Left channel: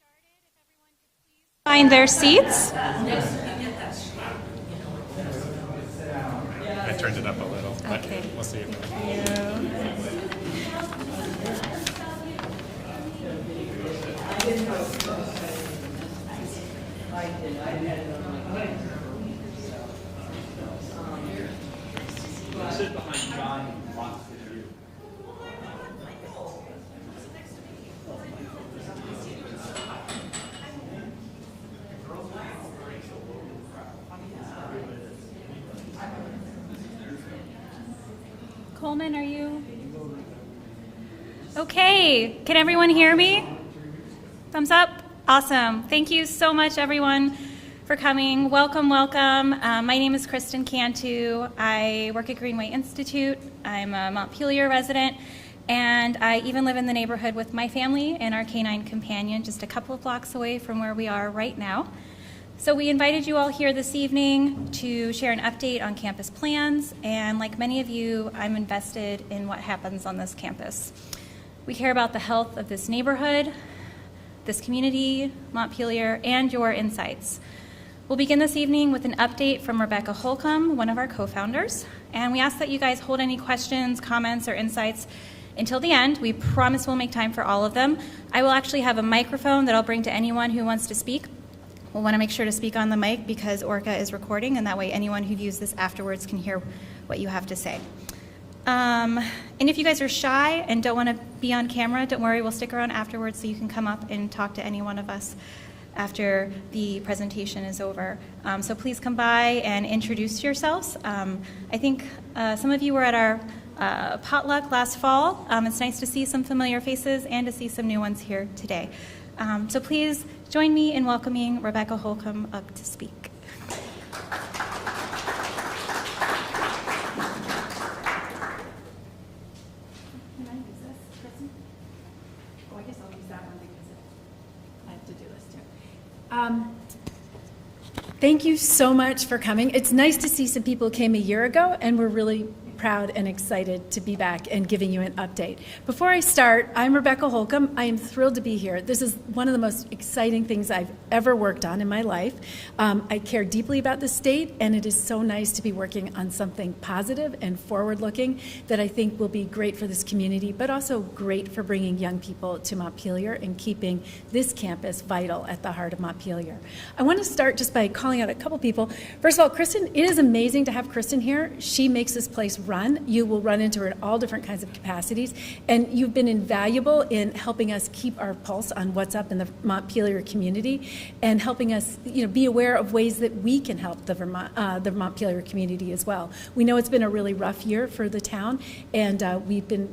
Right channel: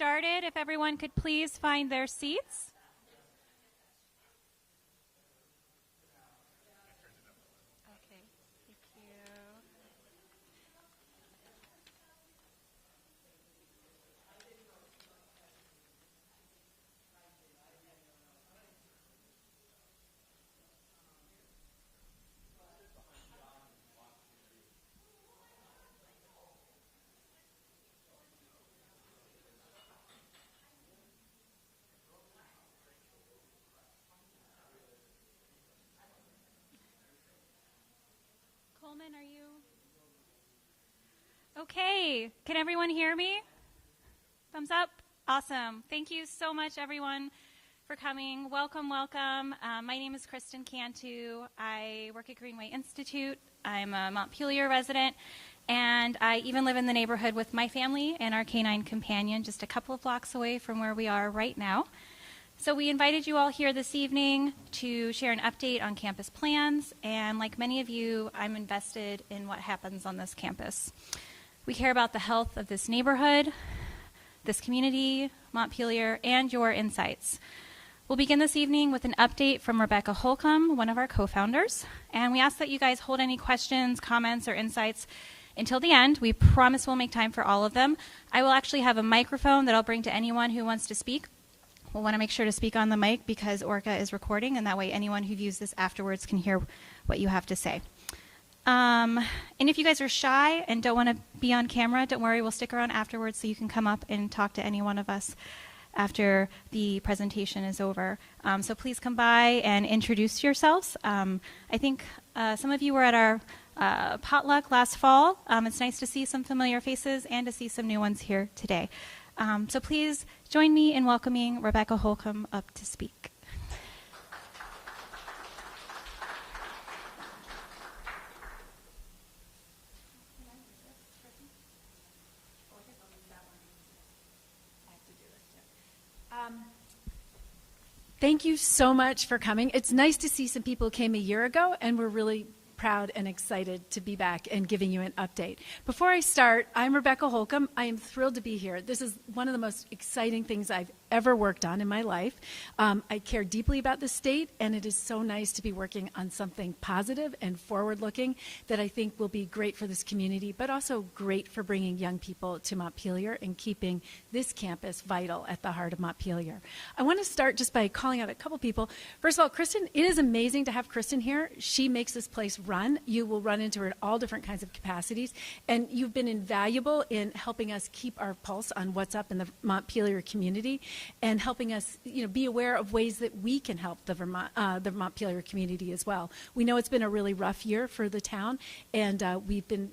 started. If everyone could please find their seats. I turned it up a little, but Okay. we'll see. Thank you. Sit behind John and watch the view. Coleman, are you? Okay. Can everyone hear me? Thumbs up? Awesome. Thank you so much, everyone, for coming. Welcome, welcome. My name is Kristen Cantu. I work at Greenway Institute. I'm a Montpelier resident, and I even live in the neighborhood with my family and our canine companion just a couple of blocks away from where we are right now. So we invited you all here this evening to share an update on campus plans, and like many of you, I'm invested in what happens on this campus. We care about the health of this neighborhood, this community, Montpelier, and your insights. We'll begin this evening with an update from Rebecca Holcomb, one of our co-founders, and we ask that you guys hold any questions, comments, or insights until the end. We promise we'll make time for all of them. I will actually have a microphone that I'll bring to anyone who wants to speak. We'll want to make sure to speak on the mic because Orca is recording, and that way anyone who views this afterwards can hear what you have to say. And if you guys are shy and don't want to be on camera, don't worry, we'll stick around afterwards so you can come up and talk to any one of us after the presentation is over. So please come by and introduce yourselves. I think some of you were at our potluck last fall. It's nice to see some familiar faces and to see some new ones here today. So please join me in welcoming Rebecca Holcomb up to speak. Thank you so much for coming. It's nice to see some people who came a year ago, and we're really proud and excited to be back and giving you an update. Before I start, I'm Rebecca Holcomb. I am thrilled to be here. This is one of the most exciting things I've ever worked on in my life. I care deeply about the state, and it is so nice to be working on something positive and forward-looking that I think will be great for this community, but also great for bringing young people to Montpelier and keeping this campus vital at the heart of Montpelier. I want to start just by calling out a couple people. First of all, Kristen, it is amazing to have Kristen here. She makes this place run. You will run into her in all different kinds of capacities, and you've been invaluable in helping us keep our pulse on what's up in the Montpelier community and helping us, be aware of ways that we can help the Montpelier community as well. We know it's been a really rough year for the town, and we've been,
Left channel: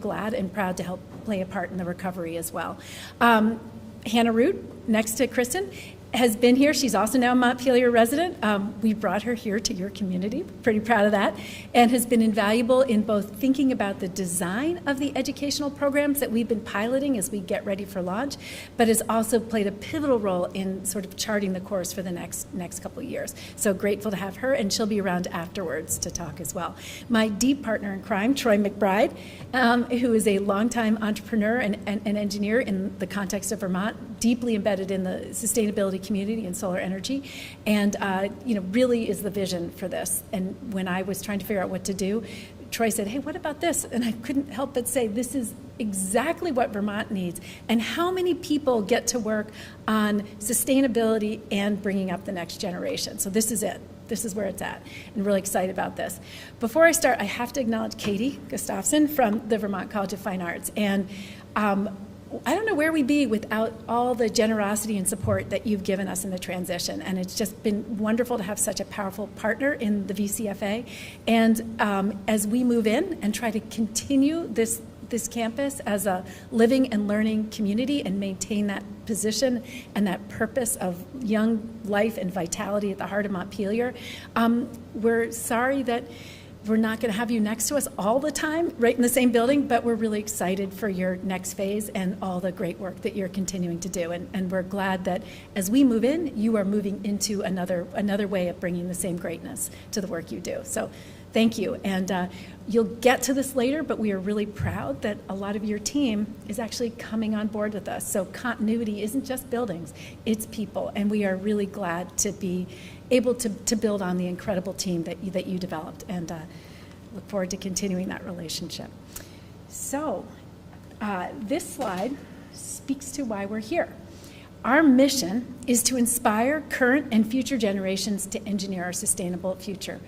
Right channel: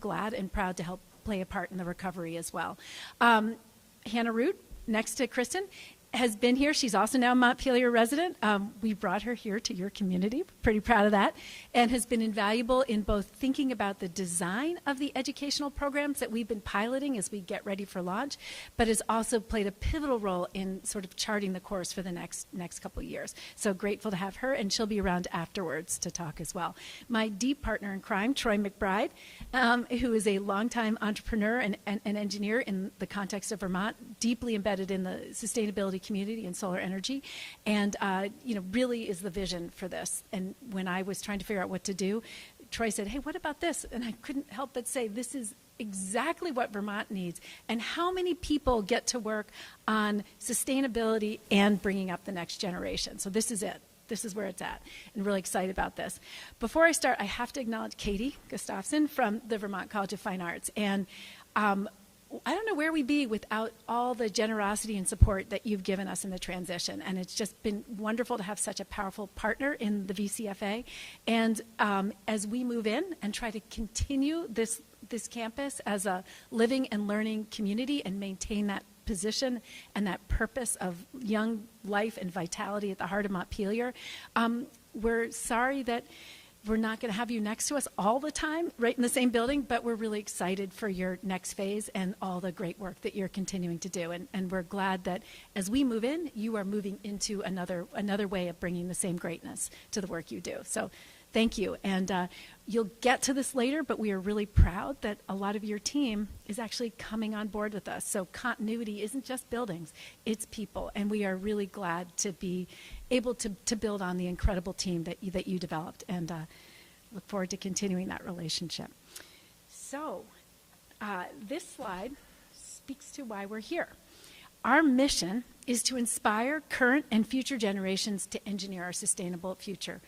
glad and proud to help play a part in the recovery as well. Hannah Root, next to Kristen, has been here. She's also now a Montpelier resident. We brought her here to your community. Pretty proud of that. And has been invaluable in both thinking about the design of the educational programs that we've been piloting as we get ready for launch, but has also played a pivotal role in sort of charting the course for the next couple of years. So grateful to have her, and she'll be around afterwards to talk as well. My deep partner in crime, Troy McBride, who is a longtime entrepreneur and engineer in the context of Vermont, deeply embedded in the sustainability community and solar energy, and really is the vision for this. And when I was trying to figure out what to do, Troy said, "Hey, what about this?" And I couldn't help but say, this is exactly what Vermont needs. And how many people get to work on sustainability and bringing up the next generation? So this is it. This is where it's at, and really excited about this. Before I start, I have to acknowledge Katie Gustafson from the Vermont College of Fine Arts. And I don't know where we'd be without all the generosity and support that you've given us in the transition. And it's just been wonderful to have such a powerful partner in the VCFA. And as we move in and try to continue this campus as a living and learning community and maintain that position and that purpose of young life and vitality at the heart of Montpelier, we're sorry that we're not going to have you next to us all the time, right in the same building, but we're really excited for your next phase and all the great work that you're continuing to do. And we're glad that as we move in, you are moving into another way of bringing the same greatness to the work you do. So thank you. And you'll get to this later, but we are really proud that a lot of your team is actually coming on board with us. So continuity isn't just buildings, it's people. And we are really glad to be able to build on the incredible team that you developed, and look forward to continuing that relationship. So this slide speaks to why we're here. Our mission is to inspire current and future generations to engineer our sustainable future.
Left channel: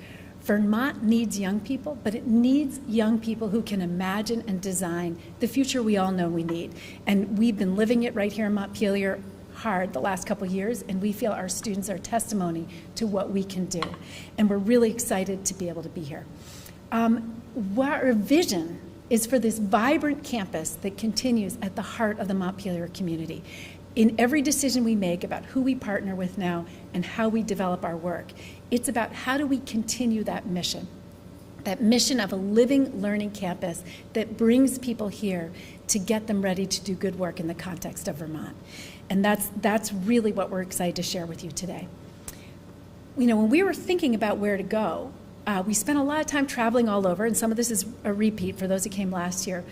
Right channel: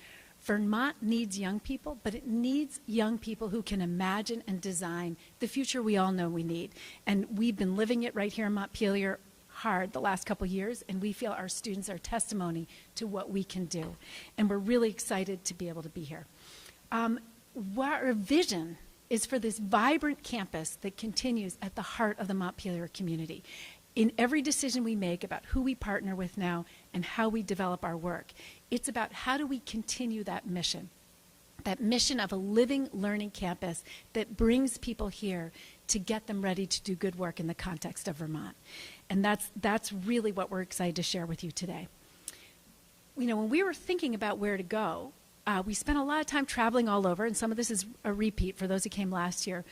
Vermont needs young people, but it needs young people who can imagine and design the future we all know we need. And we've been living it right here in Montpelier hard the last couple years, and we feel our students are testimony to what we can do. And we're really excited to be able to be here. Our vision is for this vibrant campus that continues at the heart of the Montpelier community. In every decision we make about who we partner with now and how we develop our work, it's about how do we continue that mission of a living, learning campus that brings people here to get them ready to do good work in the context of Vermont. And that's really what we're excited to share with you today. You know, when we were thinking about where to go, we spent a lot of time traveling all over, and some of this is a repeat for those who came last year.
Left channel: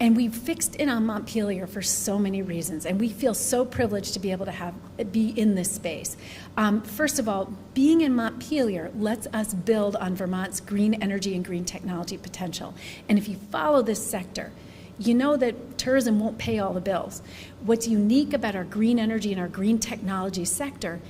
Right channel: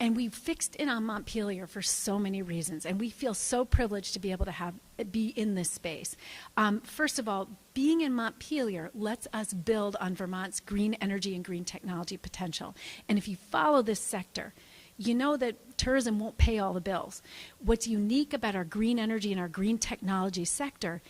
And we fixed in on Montpelier for so many reasons, and we feel so privileged to be able to be in this space. First of all, being in Montpelier lets us build on Vermont's green energy and green technology potential. And if you follow this sector, you know that tourism won't pay all the bills. What's unique about our green energy and our green technology sector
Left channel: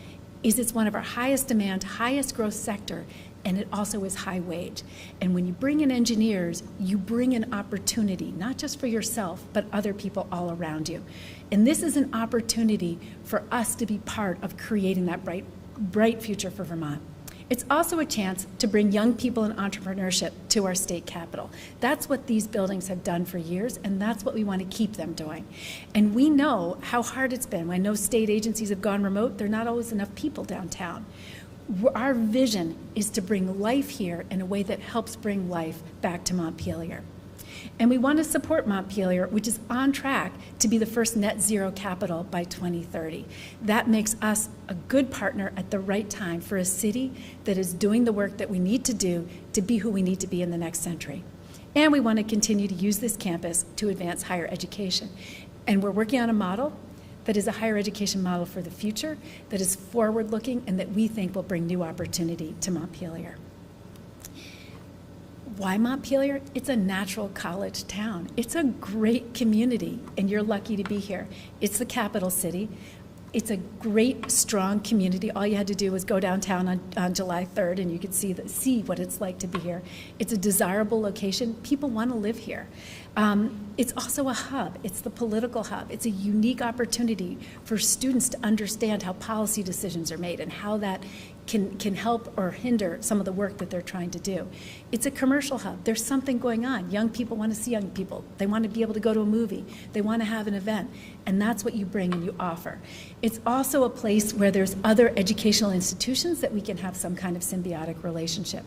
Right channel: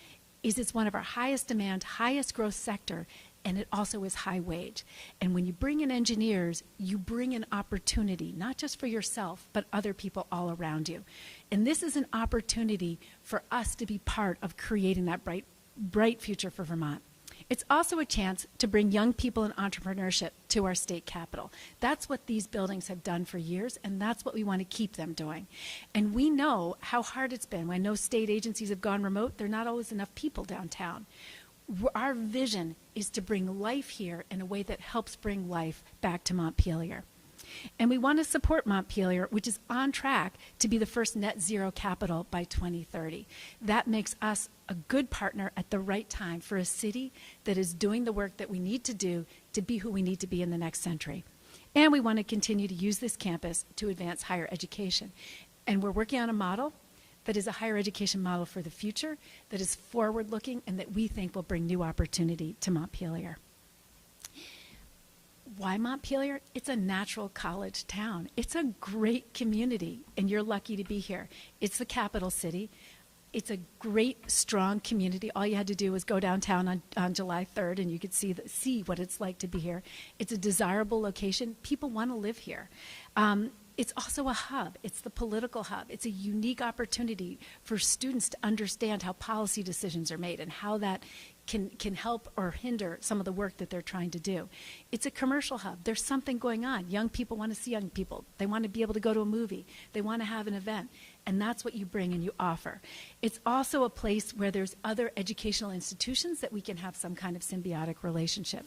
is it's one of our highest demand, highest growth sector, and it also is high wage. And when you bring in engineers, you bring in opportunity, not just for yourself, but other people all around you. And this is an opportunity for us to be part of creating that bright future for Vermont. It's also a chance to bring young people and entrepreneurship to our state capital. That's what these buildings have done for years, and that's what we want to keep them doing. And we know how hard it's been. I know state agencies have gone remote. There are not always enough people downtown. Our vision is to bring life here in a way that helps bring life back to Montpelier. And we want to support Montpelier, which is on track to be the first net zero capital by 2030. That makes us a good partner at the right time for a city that is doing the work that we need to do to be who we need to be in the next century. And we want to continue to use this campus to advance higher education. And we're working on a model that is a higher education model for the future, that is forward-looking, and that we think will bring new opportunity to Montpelier. Why Montpelier? It's a natural college town. It's a great community, and you're lucky to be here. It's the capital city. It's a great, strong community. All you had to do was go downtown on July 3rd, and you could see what it's like to be here. It's a desirable location. People want to live here. It's also a hub. It's the political hub. It's a unique opportunity for students to understand how policy decisions are made and how that can help or hinder some of the work that they're trying to do. It's a commercial hub. There's something going on. Young people want to see young people. They want to be able to go to a movie. They want to have an event. And that's what you bring and you offer. It's also a place where there's other educational institutions that we can have some kind of symbiotic relationship.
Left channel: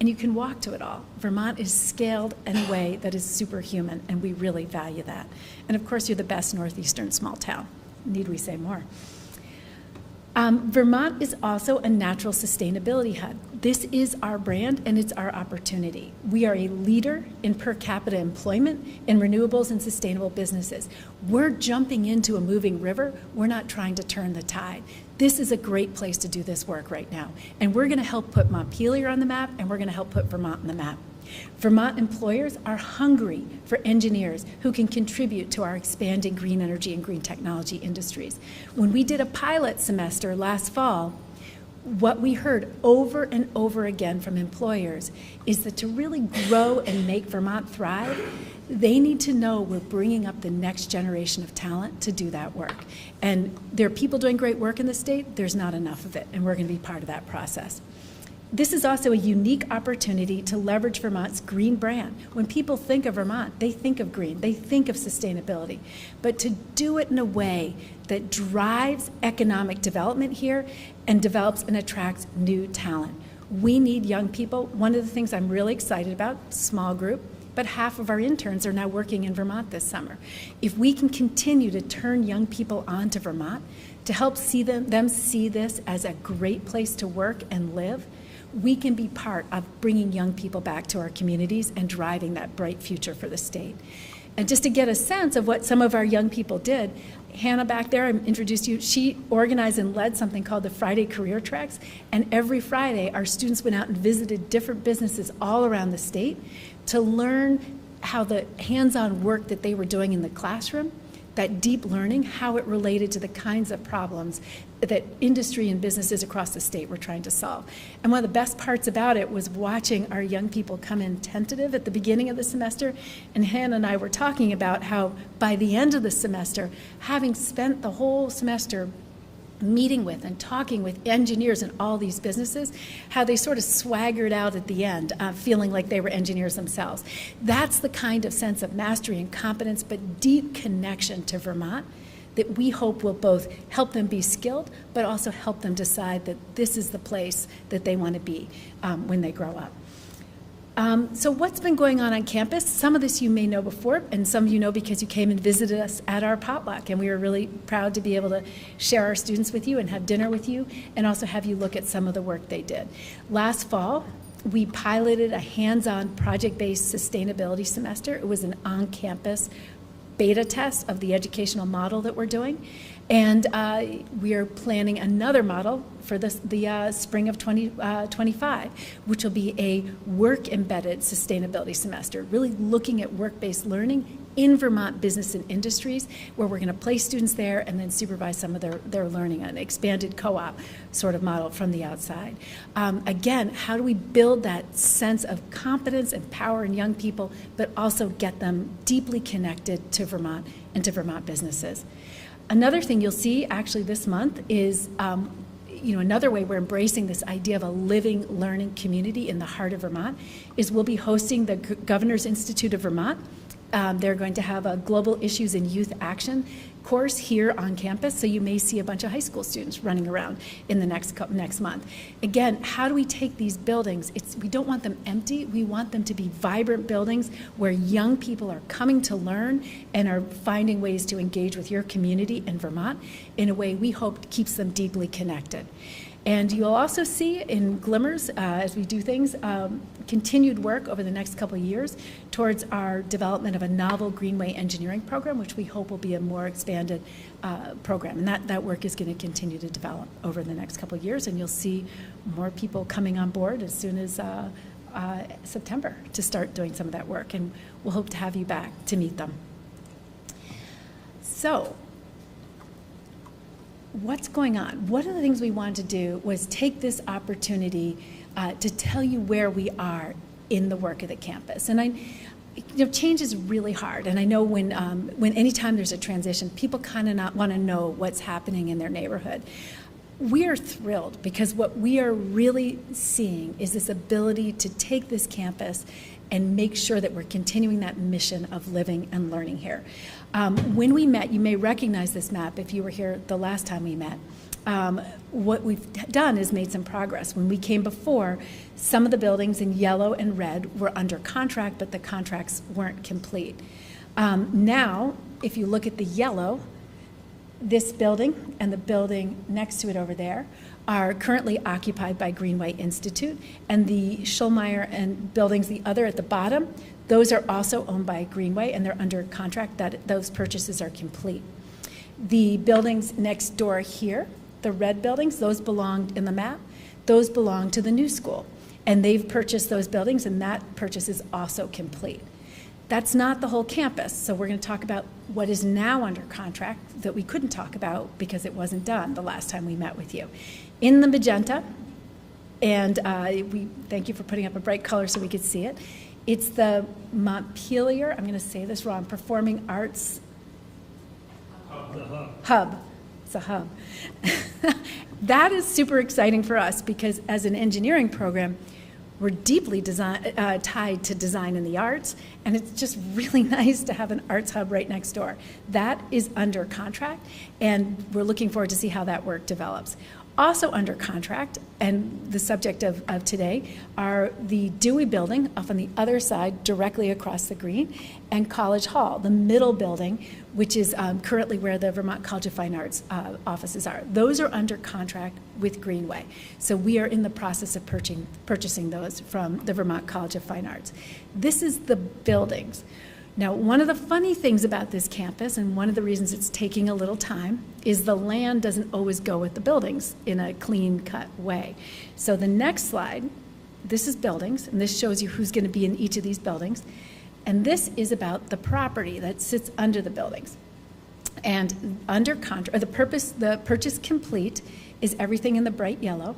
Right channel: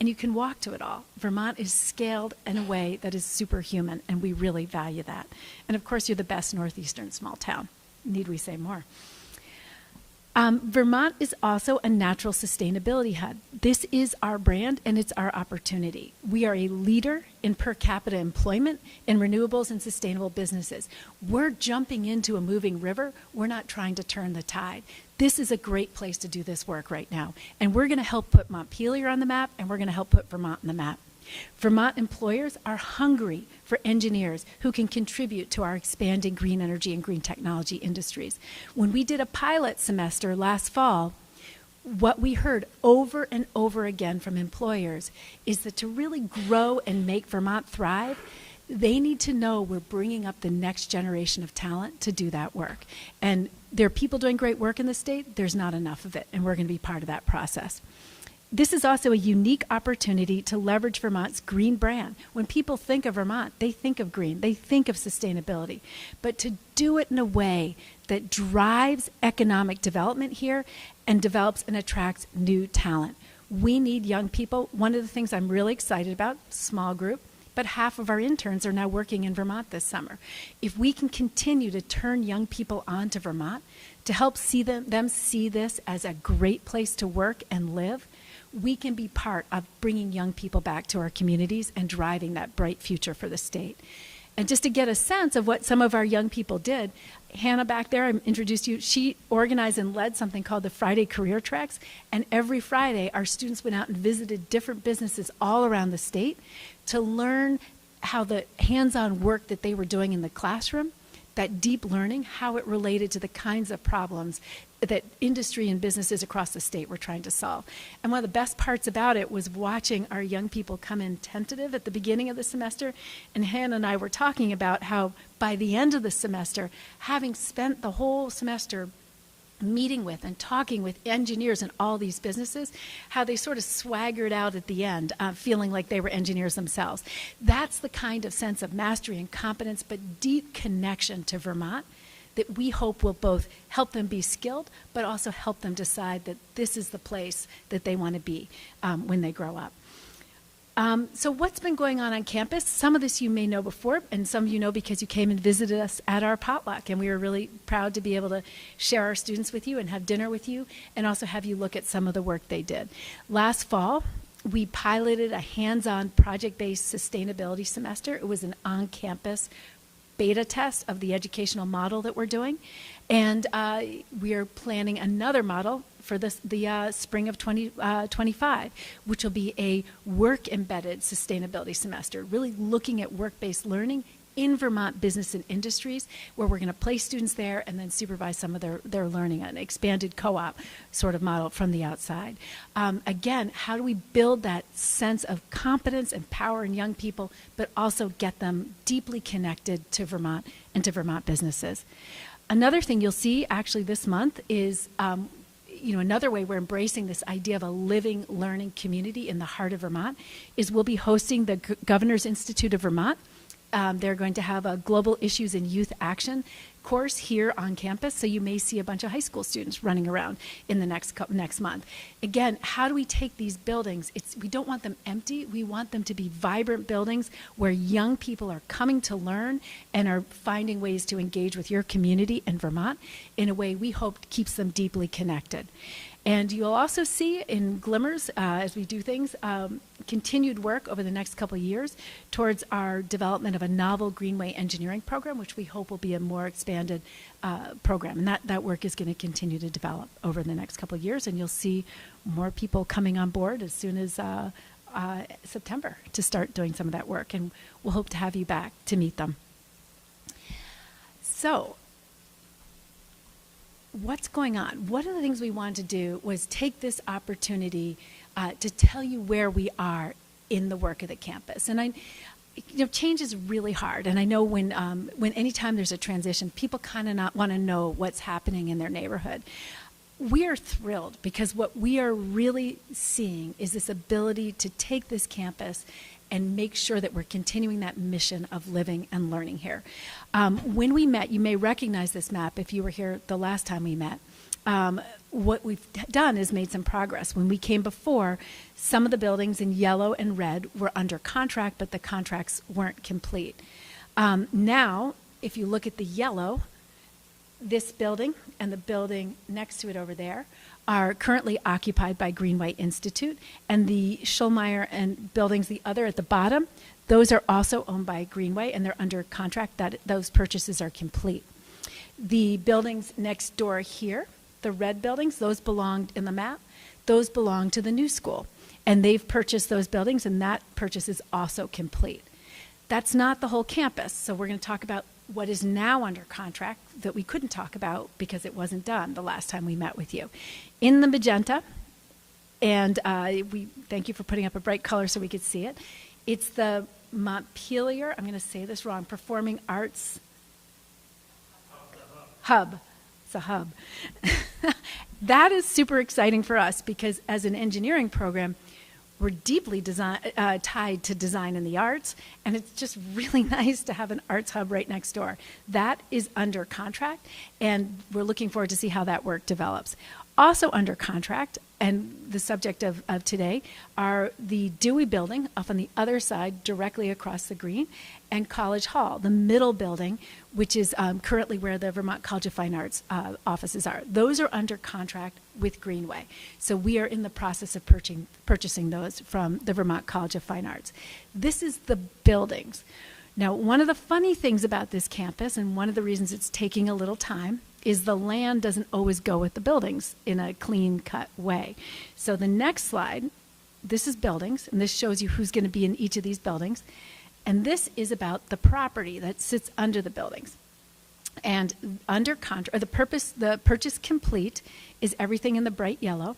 And you can walk to it all. Vermont is scaled in a way that is superhuman, and we really value that. And of course, you're the best northeastern small town. Need we say more? Vermont is also a natural sustainability hub. This is our brand, and it's our opportunity. We are a leader in per capita employment in renewables and sustainable businesses. We're jumping into a moving river. We're not trying to turn the tide. This is a great place to do this work right now. And we're going to help put Montpelier on the map, and we're going to help put Vermont on the map. Vermont employers are hungry for engineers who can contribute to our expanding green energy and green technology industries. When we did a pilot semester last fall, what we heard over and over again from employers is that to really grow and make Vermont thrive, they need to know we're bringing up the next generation of talent to do that work. And there are people doing great work in the state. There's not enough of it, and we're going to be part of that process. This is also a unique opportunity to leverage Vermont's green brand. When people think of Vermont, they think of green, they think of sustainability. But to do it in a way that drives economic development here and develops and attracts new talent. We need young people. One of the things I'm really excited about, small group, but half of our interns are now working in Vermont this summer. If we can continue to turn young people on to Vermont, to help see them see this as a great place to work and live, we can be part of bringing young people back to our communities and driving that bright future for the state. And just to get a sense of what some of our young people did, Hannah back there, I introduced you, she organized and led something called the Friday Career Tracks, and every Friday our students went out and visited different businesses all around the state to learn how the hands-on work that they were doing in the classroom, that deep learning, how it related to the kinds of problems that industry and businesses across the state were trying to solve. And one of the best parts about it was watching our young people come in tentative at the beginning of the semester. And Hannah and I were talking about how by the end of the semester, having spent the whole semester meeting with and talking with engineers in all these businesses, how they sort of swaggered out at the end, feeling like they were engineers themselves. That's the kind of sense of mastery and competence, but deep connection to Vermont that we hope will both help them be skilled, but also help them decide that this is the place that they want to be when they grow up. So what's been going on campus? Some of this you may know before, and some of you know because you came and visited us at our potluck, and we were really proud to be able to share our students with you and have dinner with you, and also have you look at some of the work they did. Last fall, we piloted a hands-on project-based sustainability semester. It was an on-campus beta test of the educational model that we're doing, and we are planning another model for the spring of 2025, which will be a work-embedded sustainability semester, really looking at work-based learning in Vermont business and industries, where we're going to place students there and then supervise some of their learning, an expanded co-op sort of model from the outside. Again, how do we build that sense of competence and power in young people, but also get them deeply connected to Vermont and to Vermont businesses? Another thing you'll see actually this month is another way we're embracing this idea of a living, learning community in the heart of Vermont is we'll be hosting the Governor's Institute of Vermont. They're going to have a Global Issues in Youth Action course here on campus, so you may see a bunch of high school students running around in the next month. Again, how do we take these buildings? We don't want them empty. We want them to be vibrant buildings where young people are coming to learn and are finding ways to engage with your community and Vermont in a way we hope keeps them deeply connected. And you'll also see in glimmers, as we do things, continued work over the next couple of years towards our development of a novel Greenway engineering program, which we hope will be a more expanded program. And that work is going to continue to develop over the next couple of years, and you'll see more people coming on board as soon as September to start doing some of that work. And we'll hope to have you back to meet them. So, what's going on? One of the things we wanted to do was take this opportunity to tell you where we are in the work of the campus. And change is really hard. And I know when anytime there's a transition, people kind of not want to know what's happening in their neighborhood. We are thrilled because what we are really seeing is this ability to take this campus and make sure that we're continuing that mission of living and learning here. When we met, you may recognize this map if you were here the last time we met. What we've done is made some progress. When we came before, some of the buildings in yellow and red were under contract, but the contracts weren't complete. Now, if you look at the yellow, this building and the building next to it over there are currently occupied by Greenway Institute, and the Schulmeyer and buildings, the other at the bottom, those are also owned by Greenway, and they're under contract. Those purchases are complete. The buildings next door here, the red buildings, those belonged in the map, those belong to the new school, and they've purchased those buildings, and that purchase is also complete. That's not the whole campus, so we're going to talk about what is now under contract that we couldn't talk about because it wasn't done the last time we met with you. In the magenta, and we thank you for putting up a bright color so we could see it, it's the Montpelier, I'm going to say this wrong, Performing Arts Hub. It's a hub. That is super exciting for us because as an engineering program, we're deeply tied to design and the arts, and it's just really nice to have an arts hub right next door. That is under contract, and we're looking forward to see how that work develops. Also under contract, and the subject of today, are the Dewey Building up on the other side, directly across the green, and College Hall, the middle building, which is currently where the Vermont College of Fine Arts offices are. Those are under contract with Greenway. So we are in the process of purchasing those from the Vermont College of Fine Arts. This is the buildings. Now, one of the funny things about this campus, and one of the reasons it's taking a little time, is the land doesn't always go with the buildings in a clean-cut way. So the next slide, this is buildings, and this shows you who's going to be in each of these buildings. And this is about the property that sits under the buildings. And under contract, the purchase complete is everything in the bright yellow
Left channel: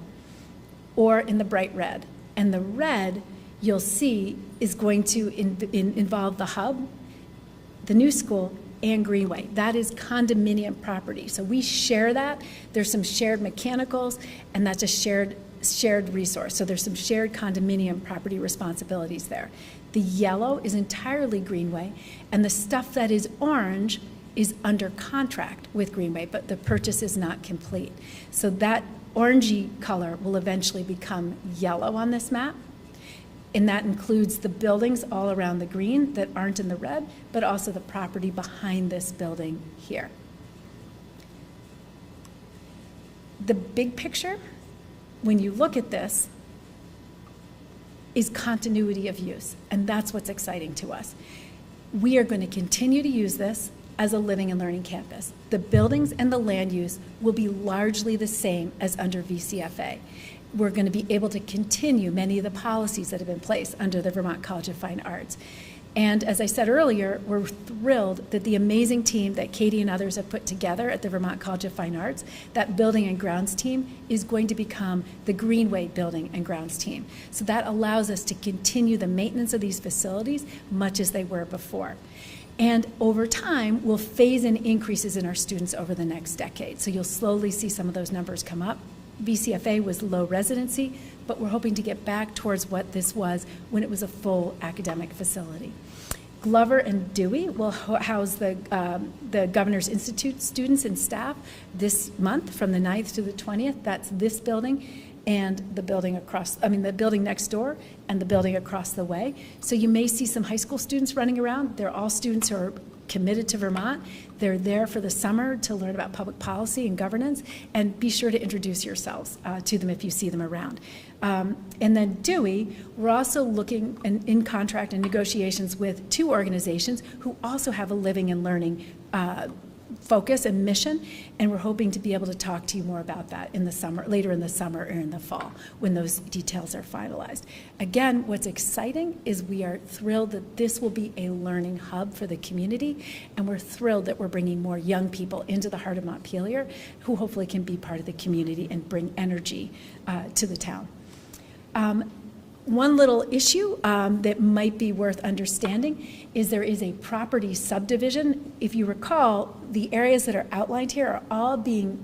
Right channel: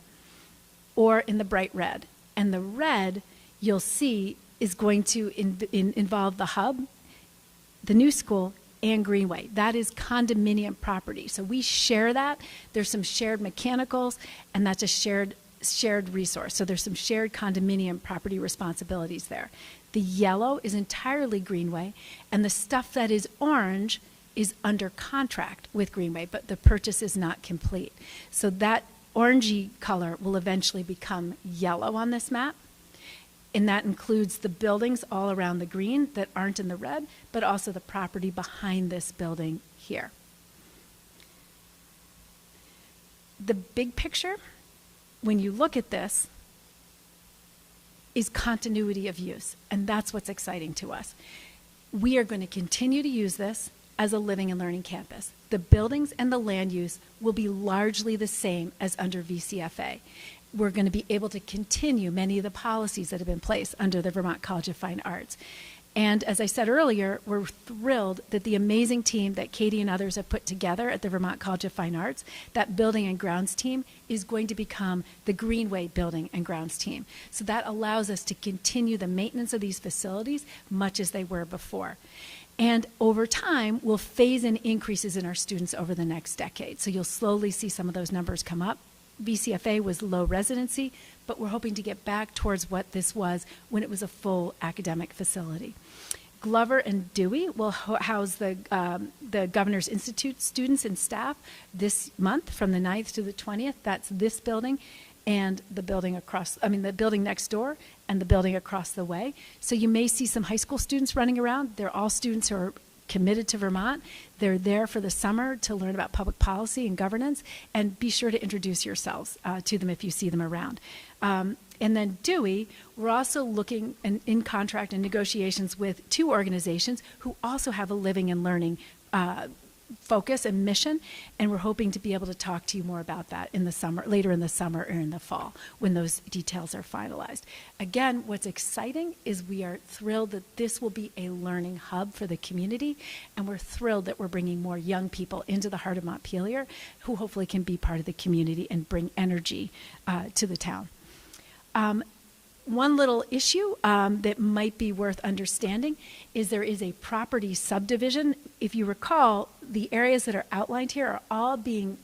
or in the bright red. And the red, you'll see, is going to involve the hub, the new school, and Greenway. That is condominium property. So we share that. There's some shared mechanicals, and that's a shared resource. So there's some shared condominium property responsibilities there. The yellow is entirely Greenway, and the stuff that is orange is under contract with Greenway, but the purchase is not complete. So that orangey color will eventually become yellow on this map. And that includes the buildings all around the green that aren't in the red, but also the property behind this building here. The big picture, when you look at this, is continuity of use, and that's what's exciting to us. We are going to continue to use this as a living and learning campus. The buildings and the land use will be largely the same as under VCFA. We're going to be able to continue many of the policies that have been placed under the Vermont College of Fine Arts. And as I said earlier, we're thrilled that the amazing team that Katie and others have put together at the Vermont College of Fine Arts, that building and grounds team, is going to become the Greenway building and grounds team. So that allows us to continue the maintenance of these facilities much as they were before. And over time, we'll phase in increases in our students over the next decade. So you'll slowly see some of those numbers come up. VCFA was low residency, but we're hoping to get back towards what this was when it was a full academic facility. Glover and Dewey will house the Governor's Institute students and staff this month from the 9th to the 20th. That's this building and the building the building next door and the building across the way. So you may see some high school students running around. They're all students who are committed to Vermont. They're there for the summer to learn about public policy and governance, and be sure to introduce yourselves to them if you see them around. And then Dewey, we're also looking in contract and negotiations with two organizations who also have a living and learning focus and mission, and we're hoping to be able to talk to you more about that in the summer, later in the summer or in the fall when those details are finalized. Again, what's exciting is we are thrilled that this will be a learning hub for the community, and we're thrilled that we're bringing more young people into the heart of Montpelier who hopefully can be part of the community and bring energy to the town. One little issue that might be worth understanding is there is a property subdivision. If you recall, the areas that are outlined here are all being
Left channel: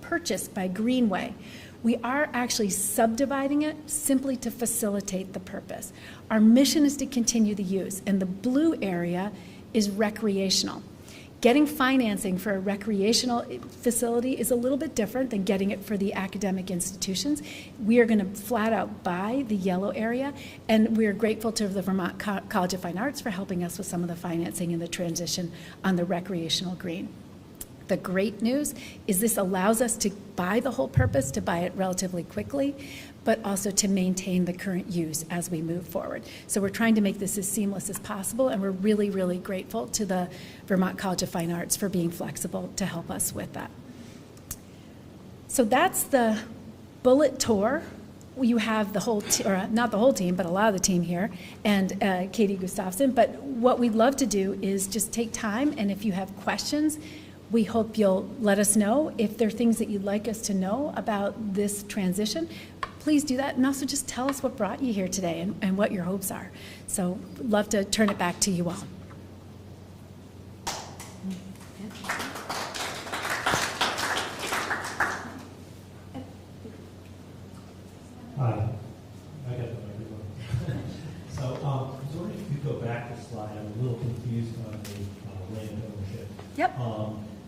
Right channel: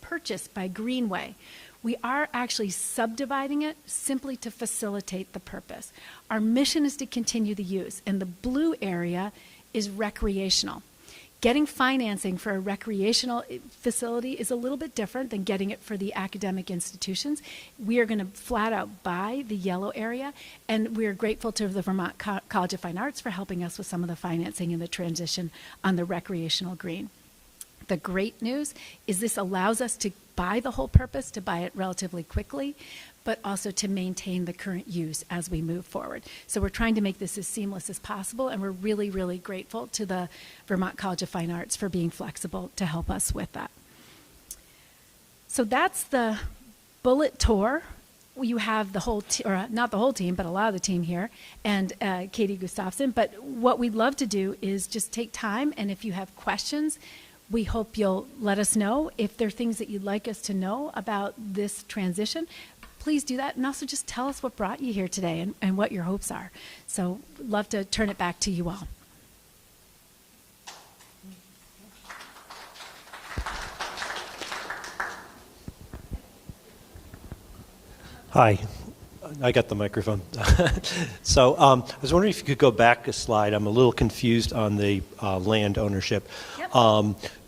purchased by Greenway. We are actually subdividing it simply to facilitate the purpose. Our mission is to continue the use, and the blue area is recreational. Getting financing for a recreational facility is a little bit different than getting it for the academic institutions. We are going to flat out buy the yellow area, and we are grateful to the Vermont College of Fine Arts for helping us with some of the financing and the transition on the recreational green. The great news is this allows us to buy the whole purpose, to buy it relatively quickly, but also to maintain the current use as we move forward. So we're trying to make this as seamless as possible, and we're really, really grateful to the Vermont College of Fine Arts for being flexible to help us with that. So that's the bullet tour. You have the whole, or not the whole team, but a lot of the team here, and Katie Gustafson. But what we'd love to do is just take time, and if you have questions, we hope you'll let us know. If there are things that you'd like us to know about this transition, please do that, and also just tell us what brought you here today and what your hopes are. So we'd love to turn it back to you all. Hi, I got the microphone. So I was wondering if you could go back a slide. I'm a little confused on the land ownership. Yep.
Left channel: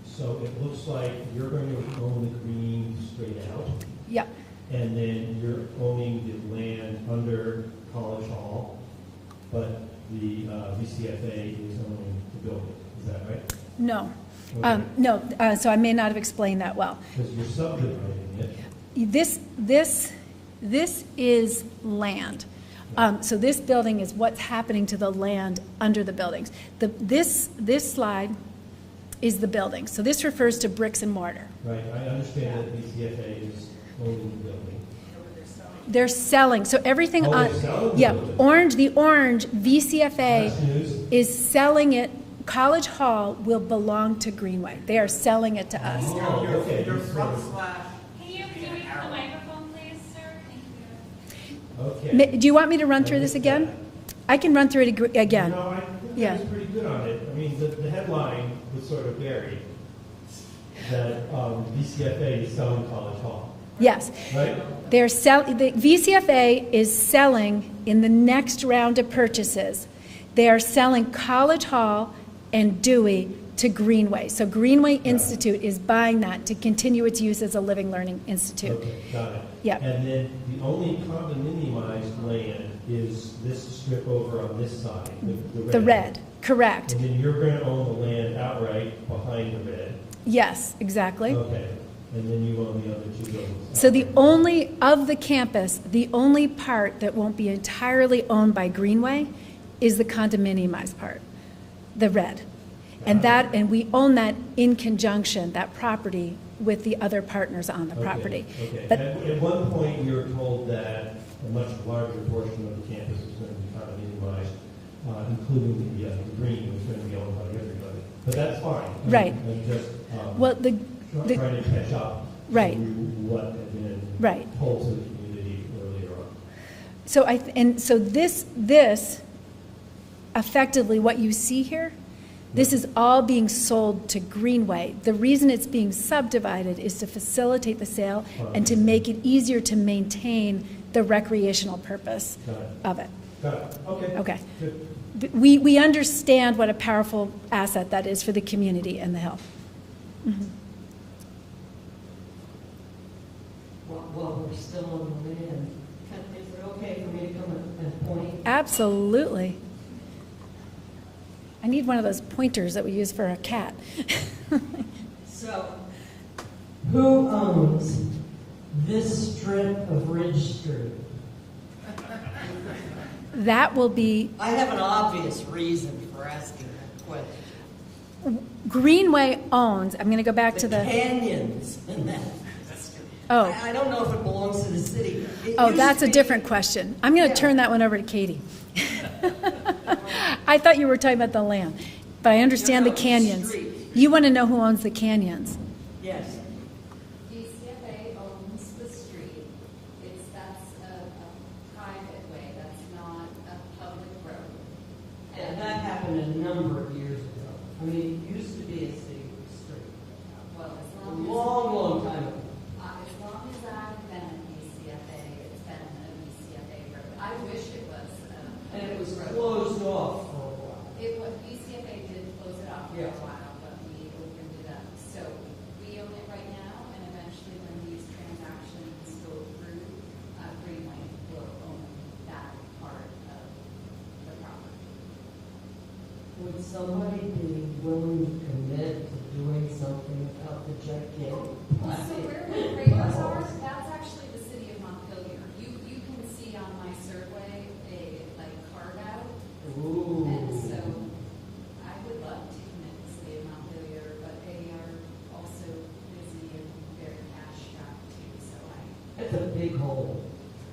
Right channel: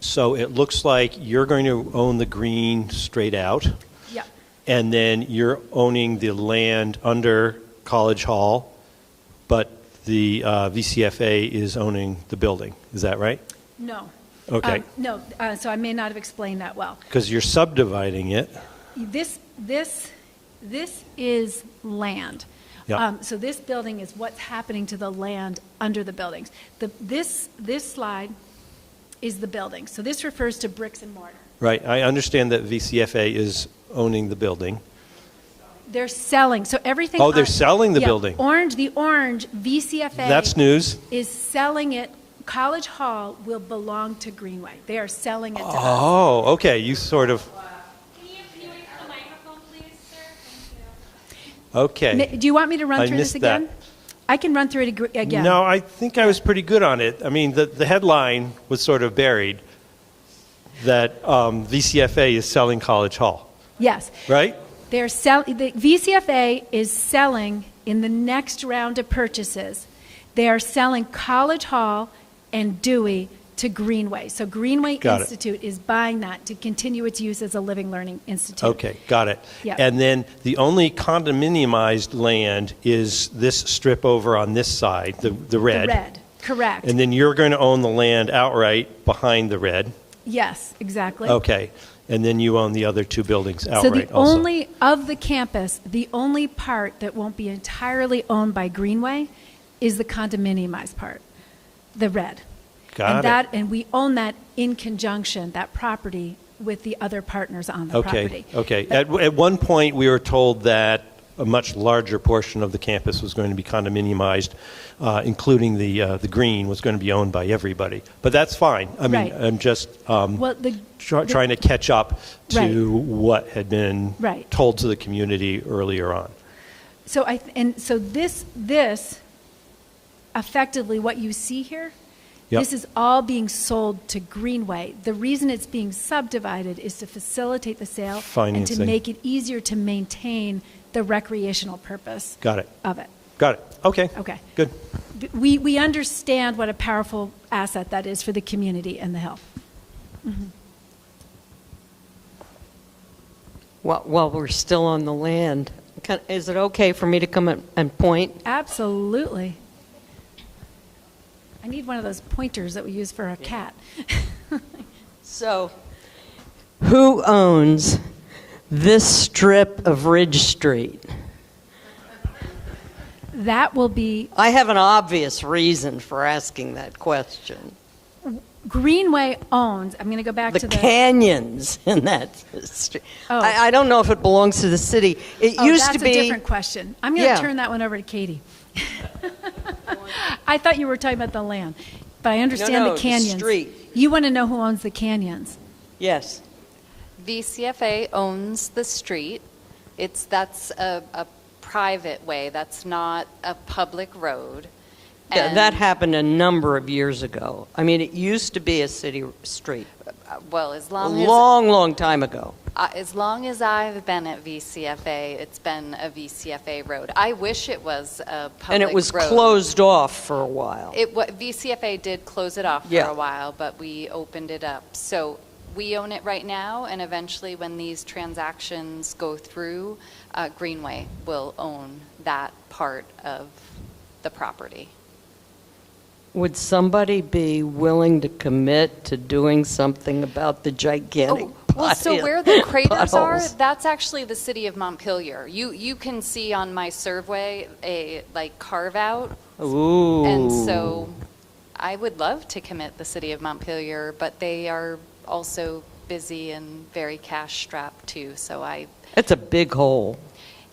So it looks like you're going to own the green straight out, Yep. and then you're owning the land under College Hall, but the VCFA is owning the building. Is that right? No. Okay. No, so I may not have explained that well. Because you're subdividing it. This is land. Yep. So this building is what's happening to the land under the buildings. This slide is the building. So this refers to bricks and mortar. Right. I understand that VCFA is owning the building. They're selling. So everything. Oh, they're selling the yeah, building. The orange VCFA. That's news. Is selling it. College Hall will belong to Greenway. They are selling it to us. Oh, okay. You sort of. Can you wait for the microphone, please, sir? Thank you. Okay. Do you want me to run I through this missed again? that. I can run through it again. No, I think I was pretty good on it. I mean, the headline was sort of buried that VCFA is selling College Hall, Yes. right? The VCFA is selling in the next round of purchases. They are selling College Hall and Dewey to Greenway. So Greenway Got it. Institute is buying that to continue its use as a living learning institute. Okay, got it. Yeah. And then the only condominiumized land is this strip over on this side, the red. The red, correct. And then you're going to own the land outright behind the red. Yes, exactly. Okay. And then you own the other two buildings outright So the also. only, of the campus, the only part that won't be entirely owned by Greenway is the condominiumized part, the red. Got it. And we own that in conjunction, that property, with the other partners on the property. Okay. But- At one point, we were told that a much larger portion of the campus was going to be condominiumized, including the green was going to be owned by everybody. But that's fine. I mean, Right. I'm just Well, trying to catch up to Right. what had been Right. told to the community earlier on. So this effectively what you see here, Yep. this is all being sold to Greenway. The reason it's being subdivided is to facilitate the sale and to Financing. make it easier to maintain the recreational purpose Got it. of it. Got it. Okay. Okay. Good. We understand what a powerful asset that is for the community and the hill. While we're still on the land, is it okay for me to come and point? Absolutely. I need one of those pointers that we use for a cat. So, who owns this strip of Ridge Street? That will be I have an obvious reason for asking that question. Greenway owns. I'm going to go back The to the canyons in that street. Oh. I don't know if it belongs to the city. It Oh, used that's to be a different question. I'm going to Yeah. turn that one over to Katie. I thought you were talking about the land, but I understand No, the the canyons. street. You want to know who owns the canyons? Yes. VCFA owns the street. That's a private way. That's not a public road. Yeah, And, that happened a number of years ago. I mean, it used to be a city street. well, as A long as long time ago. as long as I've been at VCFA, it's been a VCFA road. I wish it was a public road. And it was closed off for a while. VCFA did close it off for Yeah. a while, but we opened it up. So we own it right now, and eventually when these transactions go through, Greenway will own that part of the property. Would somebody be willing to commit to doing something about the gigantic Well, so where the craters are, potholes? that's actually the city of Montpelier. You can see on my survey a carve out. Ooh. And so I would love to commit the city of Montpelier, but they are also busy and very cash strapped too. So It's a big hole.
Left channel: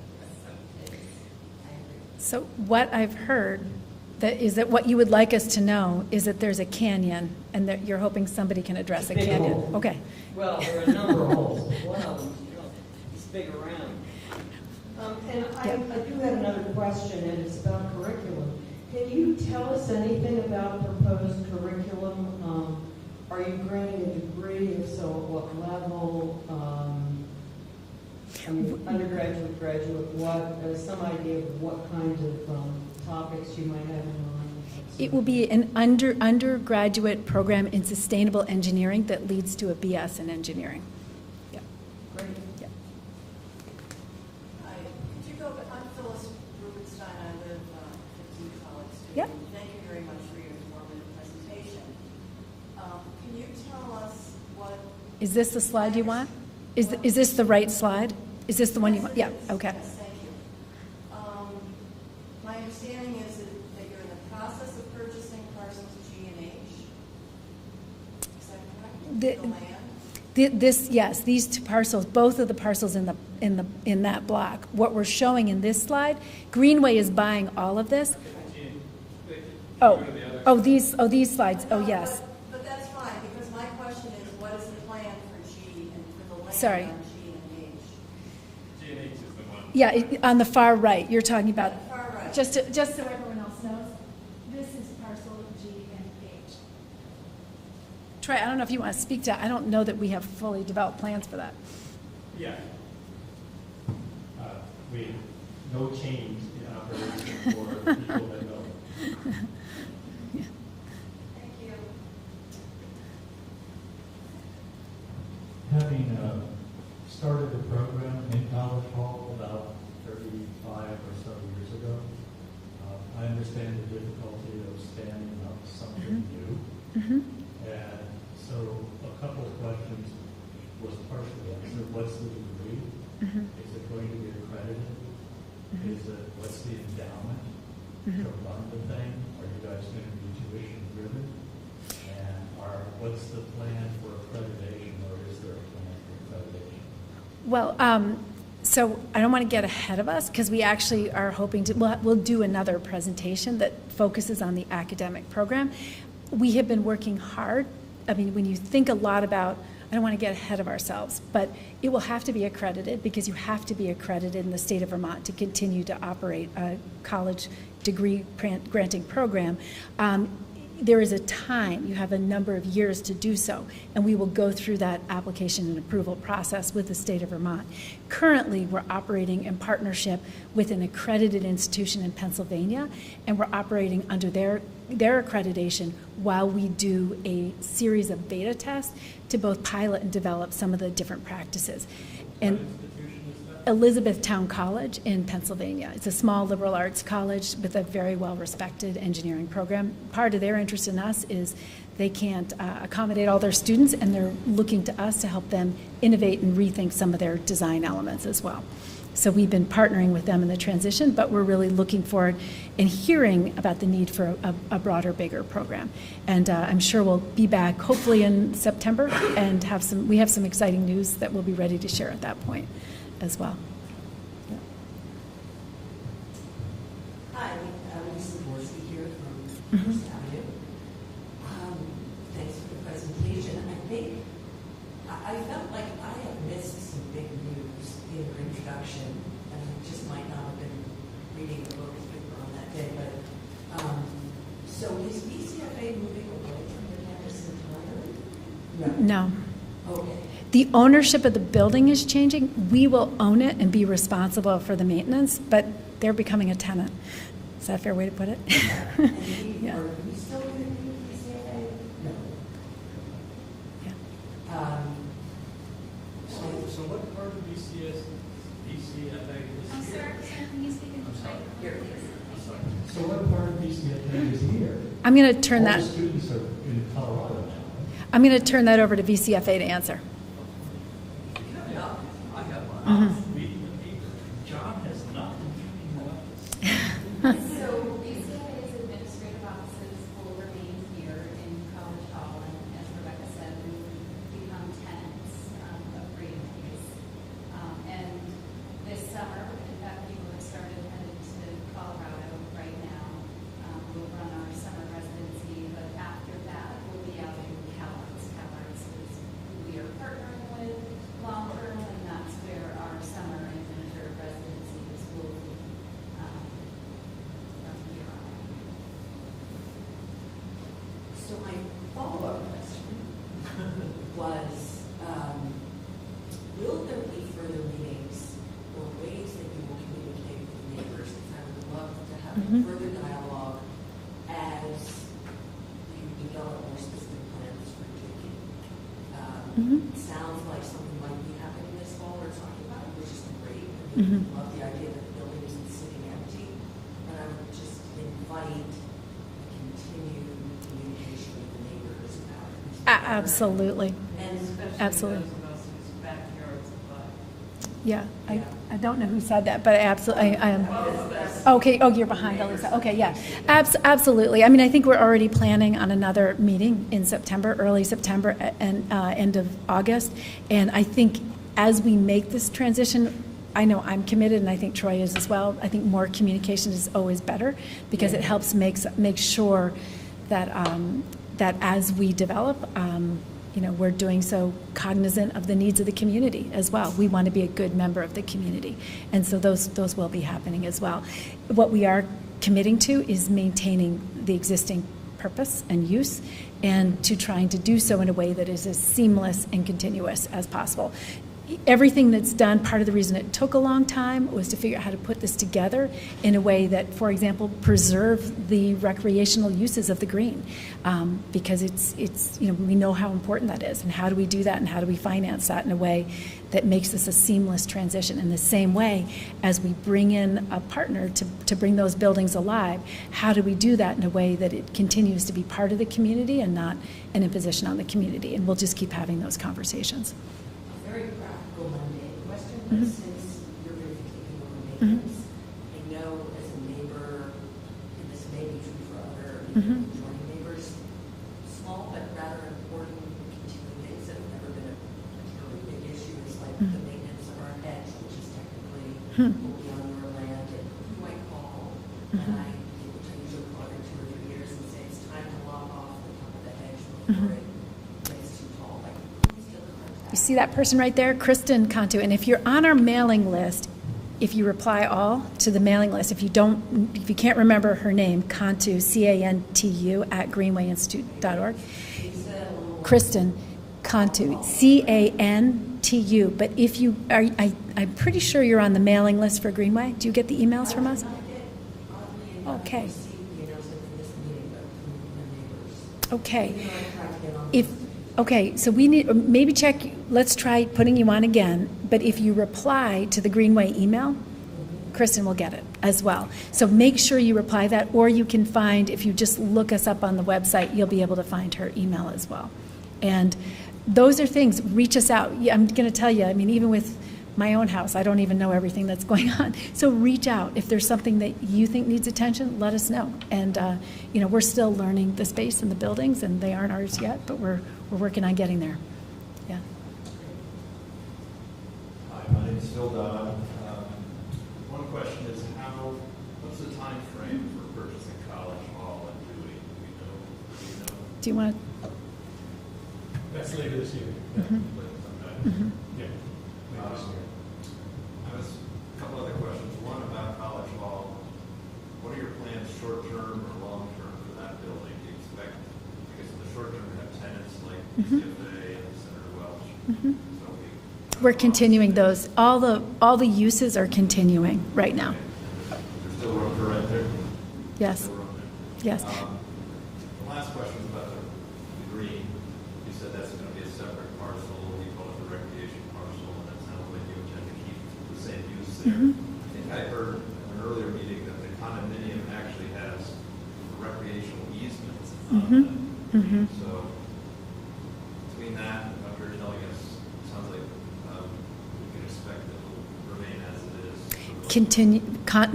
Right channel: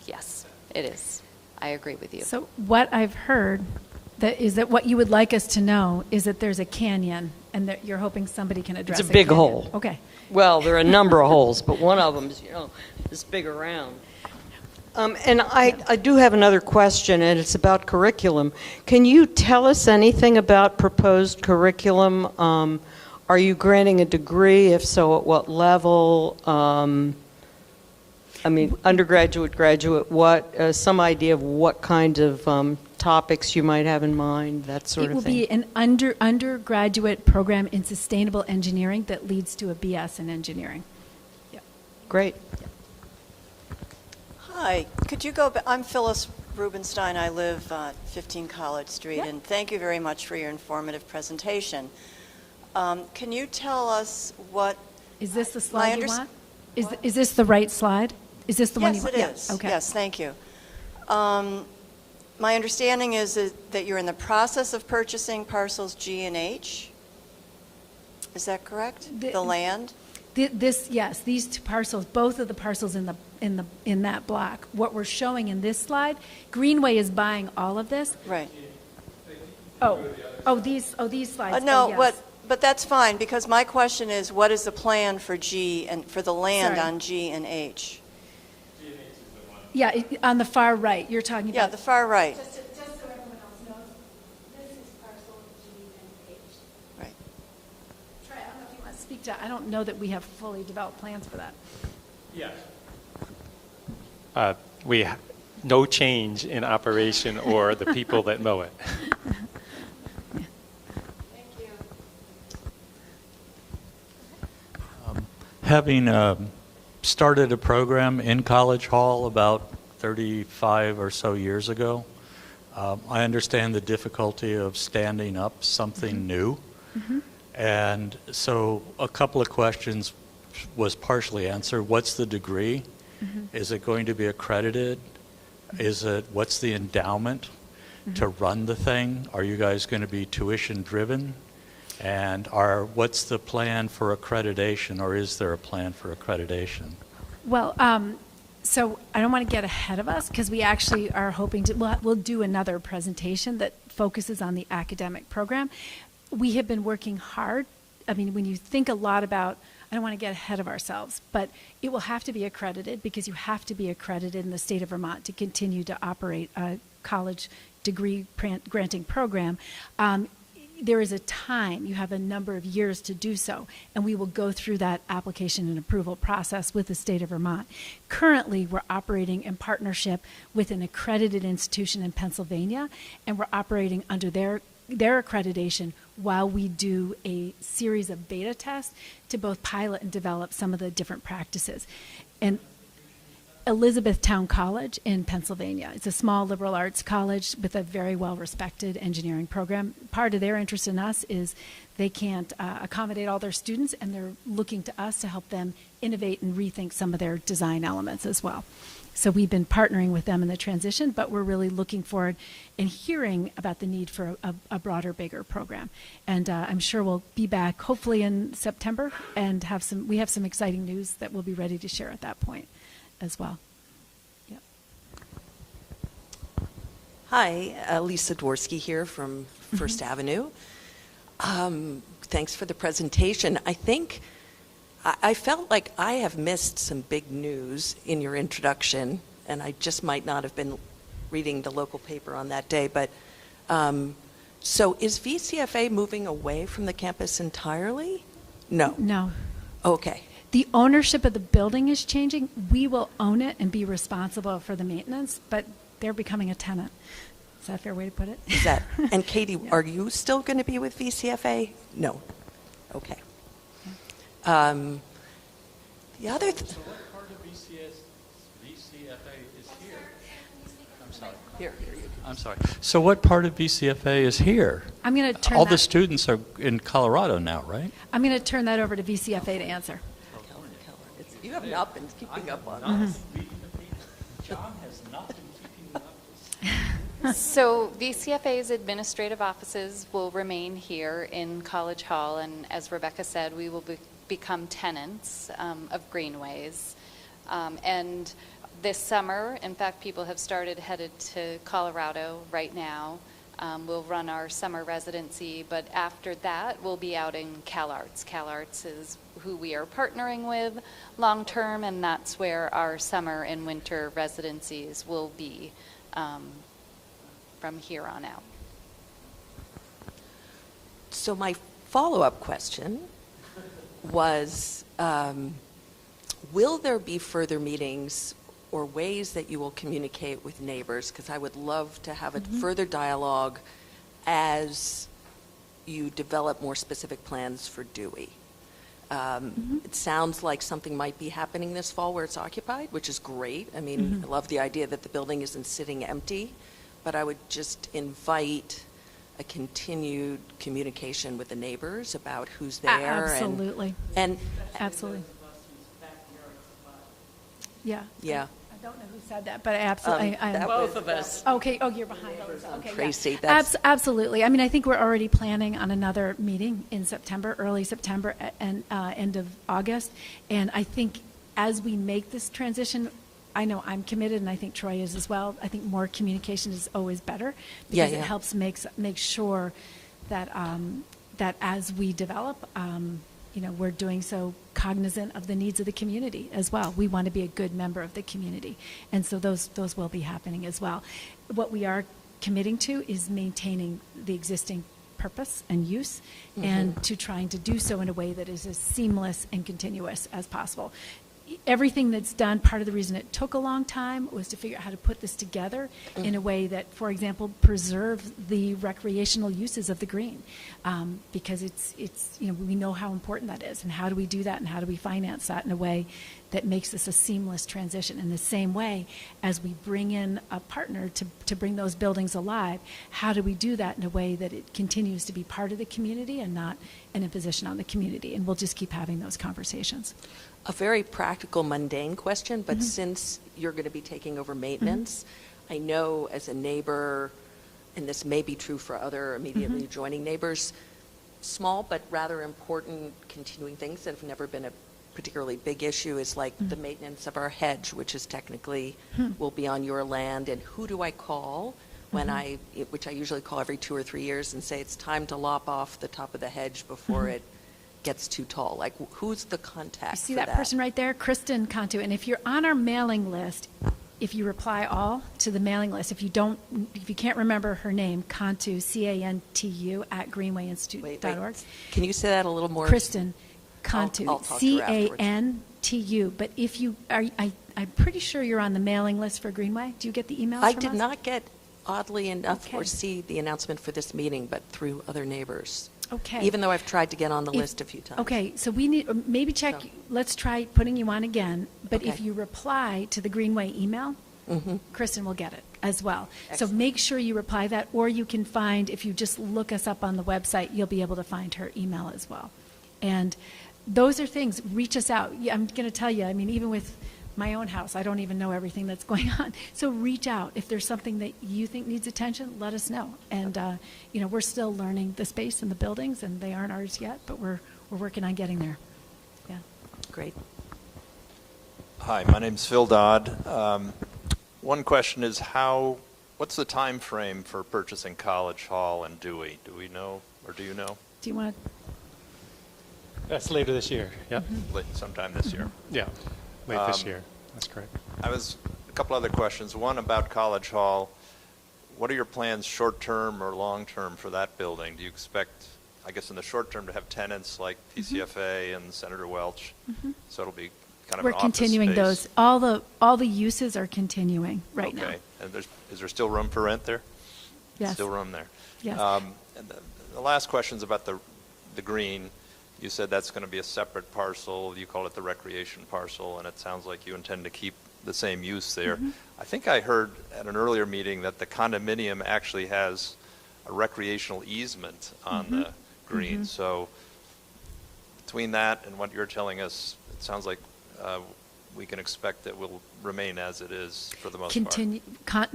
yes, it is. I agree with you. So what I've heard is that what you would like us to know is that there's a canyon and that you're hoping somebody can address It's a big canyon. hole. Okay. Well, there are a number of holes, but one of them is, this big around. And I do have another question, and it's about curriculum. Can you tell us anything about proposed curriculum? Are you granting a degree? If so, at what level? I mean, undergraduate, graduate, what, some idea of what kinds of topics you might have in mind, that sort It of will thing? be an undergraduate program in sustainable engineering that leads to a BS in engineering. Yeah. Great. Hi, could you go, I'm Phyllis Rubenstein, I live on 15 College Street, Yeah. and thank you very much for your informative presentation. Can you tell us what... Is this the slide you unders- want? Is this the right slide? Is this the one you Yes, want? it Yeah, is. okay. Yes, thank you. My understanding is that you're in the process of purchasing parcels G and H. Is that correct? The land? Yes, these two parcels, both of the parcels in that block. What we're showing in this slide, Greenway is buying all of this. Right. These slides. No, yes. but that's fine, because my question is, what is the plan for G and for the land Sorry. on G and H? Yeah, on the far right, you're talking Yeah, about. the far right. Just so everyone else knows, this is parcel G and H. Right. Troy, I don't know if you want to speak to, I don't know that we have fully developed plans for that. We have no change in operation or the people that mow it. Having started a program in College Hall about 35 or so years ago, I understand the difficulty of standing up something new. And so a couple of questions was partially answered. What's the degree? Is it going to be accredited? What's the endowment to run the thing? Are you guys going to be tuition driven? And what's the plan for accreditation, or is there a plan for accreditation? Well, so I don't want to get ahead of us, because we actually are hoping to, we'll do another presentation that focuses on the academic program. We have been working hard. I mean, when you think a lot about, I don't want to get ahead of ourselves, but it will have to be accredited, because you have to be accredited in the state of Vermont to continue to operate a college degree granting program. There is a time, you have a number of years to do so, and we will go through that application and approval process with the state of Vermont. Currently, we're operating in partnership with an accredited institution in Pennsylvania, and we're operating under their accreditation while we do a series of beta tests to both pilot and develop some of the different practices. And Elizabethtown College in Pennsylvania. It's a small liberal arts college with a very well-respected engineering program. Part of their interest in us is they can't accommodate all their students, and they're looking to us to help them innovate and rethink some of their design elements as well. So we've been partnering with them in the transition, but we're really looking forward and hearing about the need for a broader, bigger program. And I'm sure we'll be back hopefully in September and we have some exciting news that we'll be ready to share at that point as well. Yeah. Hi, Lisa Dworsky here from First Avenue. Thanks for the presentation. I felt like I have missed some big news in your introduction, and I just might not have been reading the local paper on that day. But so is VCFA moving away from the campus entirely? No. No. Okay. The ownership of the building is changing. We will own it and be responsible for the maintenance, but they're becoming a tenant. Is that a fair way to put it? Is that? And Katie, Yeah. are you still going to be with VCFA? No. Okay. The other. So what part of VCFA is here? I'm sorry. So what part of VCFA is here? I'm going to turn All that. the students are in Colorado now, right? I'm going to turn that over to VCFA to answer. You have not been keeping up on John has not been keeping up. So VCFA's administrative offices will remain here in College Hall, and as Rebecca said, we will become tenants of Greenways. And this summer, in fact, people have started headed to Colorado right now. We'll run our summer residency, but after that, we'll be out in CalArts. CalArts is who we are partnering with long-term, and that's where our summer and winter residencies will be from here on out. So my follow-up question was, Will there be further meetings or ways that you will communicate with neighbors? Because I would love to have a further dialogue as you develop more specific plans for Dewey. It sounds like something might be happening this fall where it's occupied, which is great. I mean, I love the idea that the building isn't sitting empty, but I would just invite a continued communication with the neighbors about who's there. Absolutely. And Absolutely. Yeah. Yeah. I don't know who said that, but I absolutely. both of us. Okay. Oh, you're behind Alyssa. Okay. Yeah. Tracy, that's- Absolutely. I mean, I think we're already planning on another meeting in September, early September, and end of August. And I think as we make this transition, I know I'm committed, and I think Troy is as well. I think more communication is always better because Yeah. it helps make sure that that as we develop, we're doing so cognizant of the needs of the community as well. We want to be a good member of the community, and so those will be happening as well. What we are committing to is maintaining the existing purpose and use, and to trying to do so in a way that is as seamless and continuous as possible. Everything that's done, part of the reason it took a long time was to figure out how to put this together in a way that, for example, preserve the recreational uses of the green, because it's we know how important that is, and how do we do that, and how do we finance that in a way that makes this a seamless transition. In the same way as we bring in a partner to bring those buildings alive, how do we do that in a way that it continues to be part of the community and not an imposition on the community? And we'll just keep having those conversations. A very practical, mundane question, but since you're going to be taking over maintenance, I know as a neighbor, and this may be true for other immediately adjoining neighbors, small but rather important continuing things that have never been a particularly big issue is like the maintenance of our hedge, which is technically will be on your land, and who do I call when which I usually call every 2 or 3 years and say it's time to lop off the top of the hedge before it gets too tall. Like, who's the contact? You see for that person right there, Kristen Cantu. And if you're on our mailing list, if you reply all to the mailing list, if you can't remember her name, Cantu, CANTU @greenwayinstitute.org. Can you say that a little more? Kristen Cantu, I'll talk to her afterwards. CANTU. But if you are, I'm pretty sure you're on the mailing list for Greenway. Do you get the emails I from did us? not get, oddly enough, Okay. or see the announcement for this meeting, but through other neighbors. Okay. Even though I've tried to get on the If- list a few times. Okay, so we need, maybe check, let's try putting you on again, but if you reply to the Greenway email, Kristen will get it as well. So make sure you reply that, or you can find, if you just look us up on the website, you'll be able to find her email as well. And those are things, reach us out. Yeah, I'm going to tell you, I mean, even with my own house, I don't even know everything that's going on. So reach out. If there's something that you think needs attention, let us know. And, we're still learning the space and the buildings, and they aren't ours yet, but we're working on getting there. Yeah. Great. Hi, my name's Phil Dodd. One question is what's the time frame for purchasing College Hall and Dewey? Do we know, or do you know? Do you want That's later this year. Yeah. Like sometime this year? Yeah. Late this year. That's correct. A couple other questions. One about College Hall. What are your plans short-term or long-term for that building? Do you expect, I guess in the short term, to have tenants like VCFA and Senator Welch? So it'll be kind of We're an office continuing space. those. All the uses are continuing right now. Okay. And is there still room for rent there? Yes. Still room there? Yes. And the last question is about the green. You said that's going to be a separate parcel. You call it the recreation parcel, and it sounds like you intend to keep the same use there. I think I heard at an earlier meeting that the condominium actually has a recreational easement on the green. So between that and what you're telling us, it sounds like we can expect that will remain as it is for the most Continuity. part.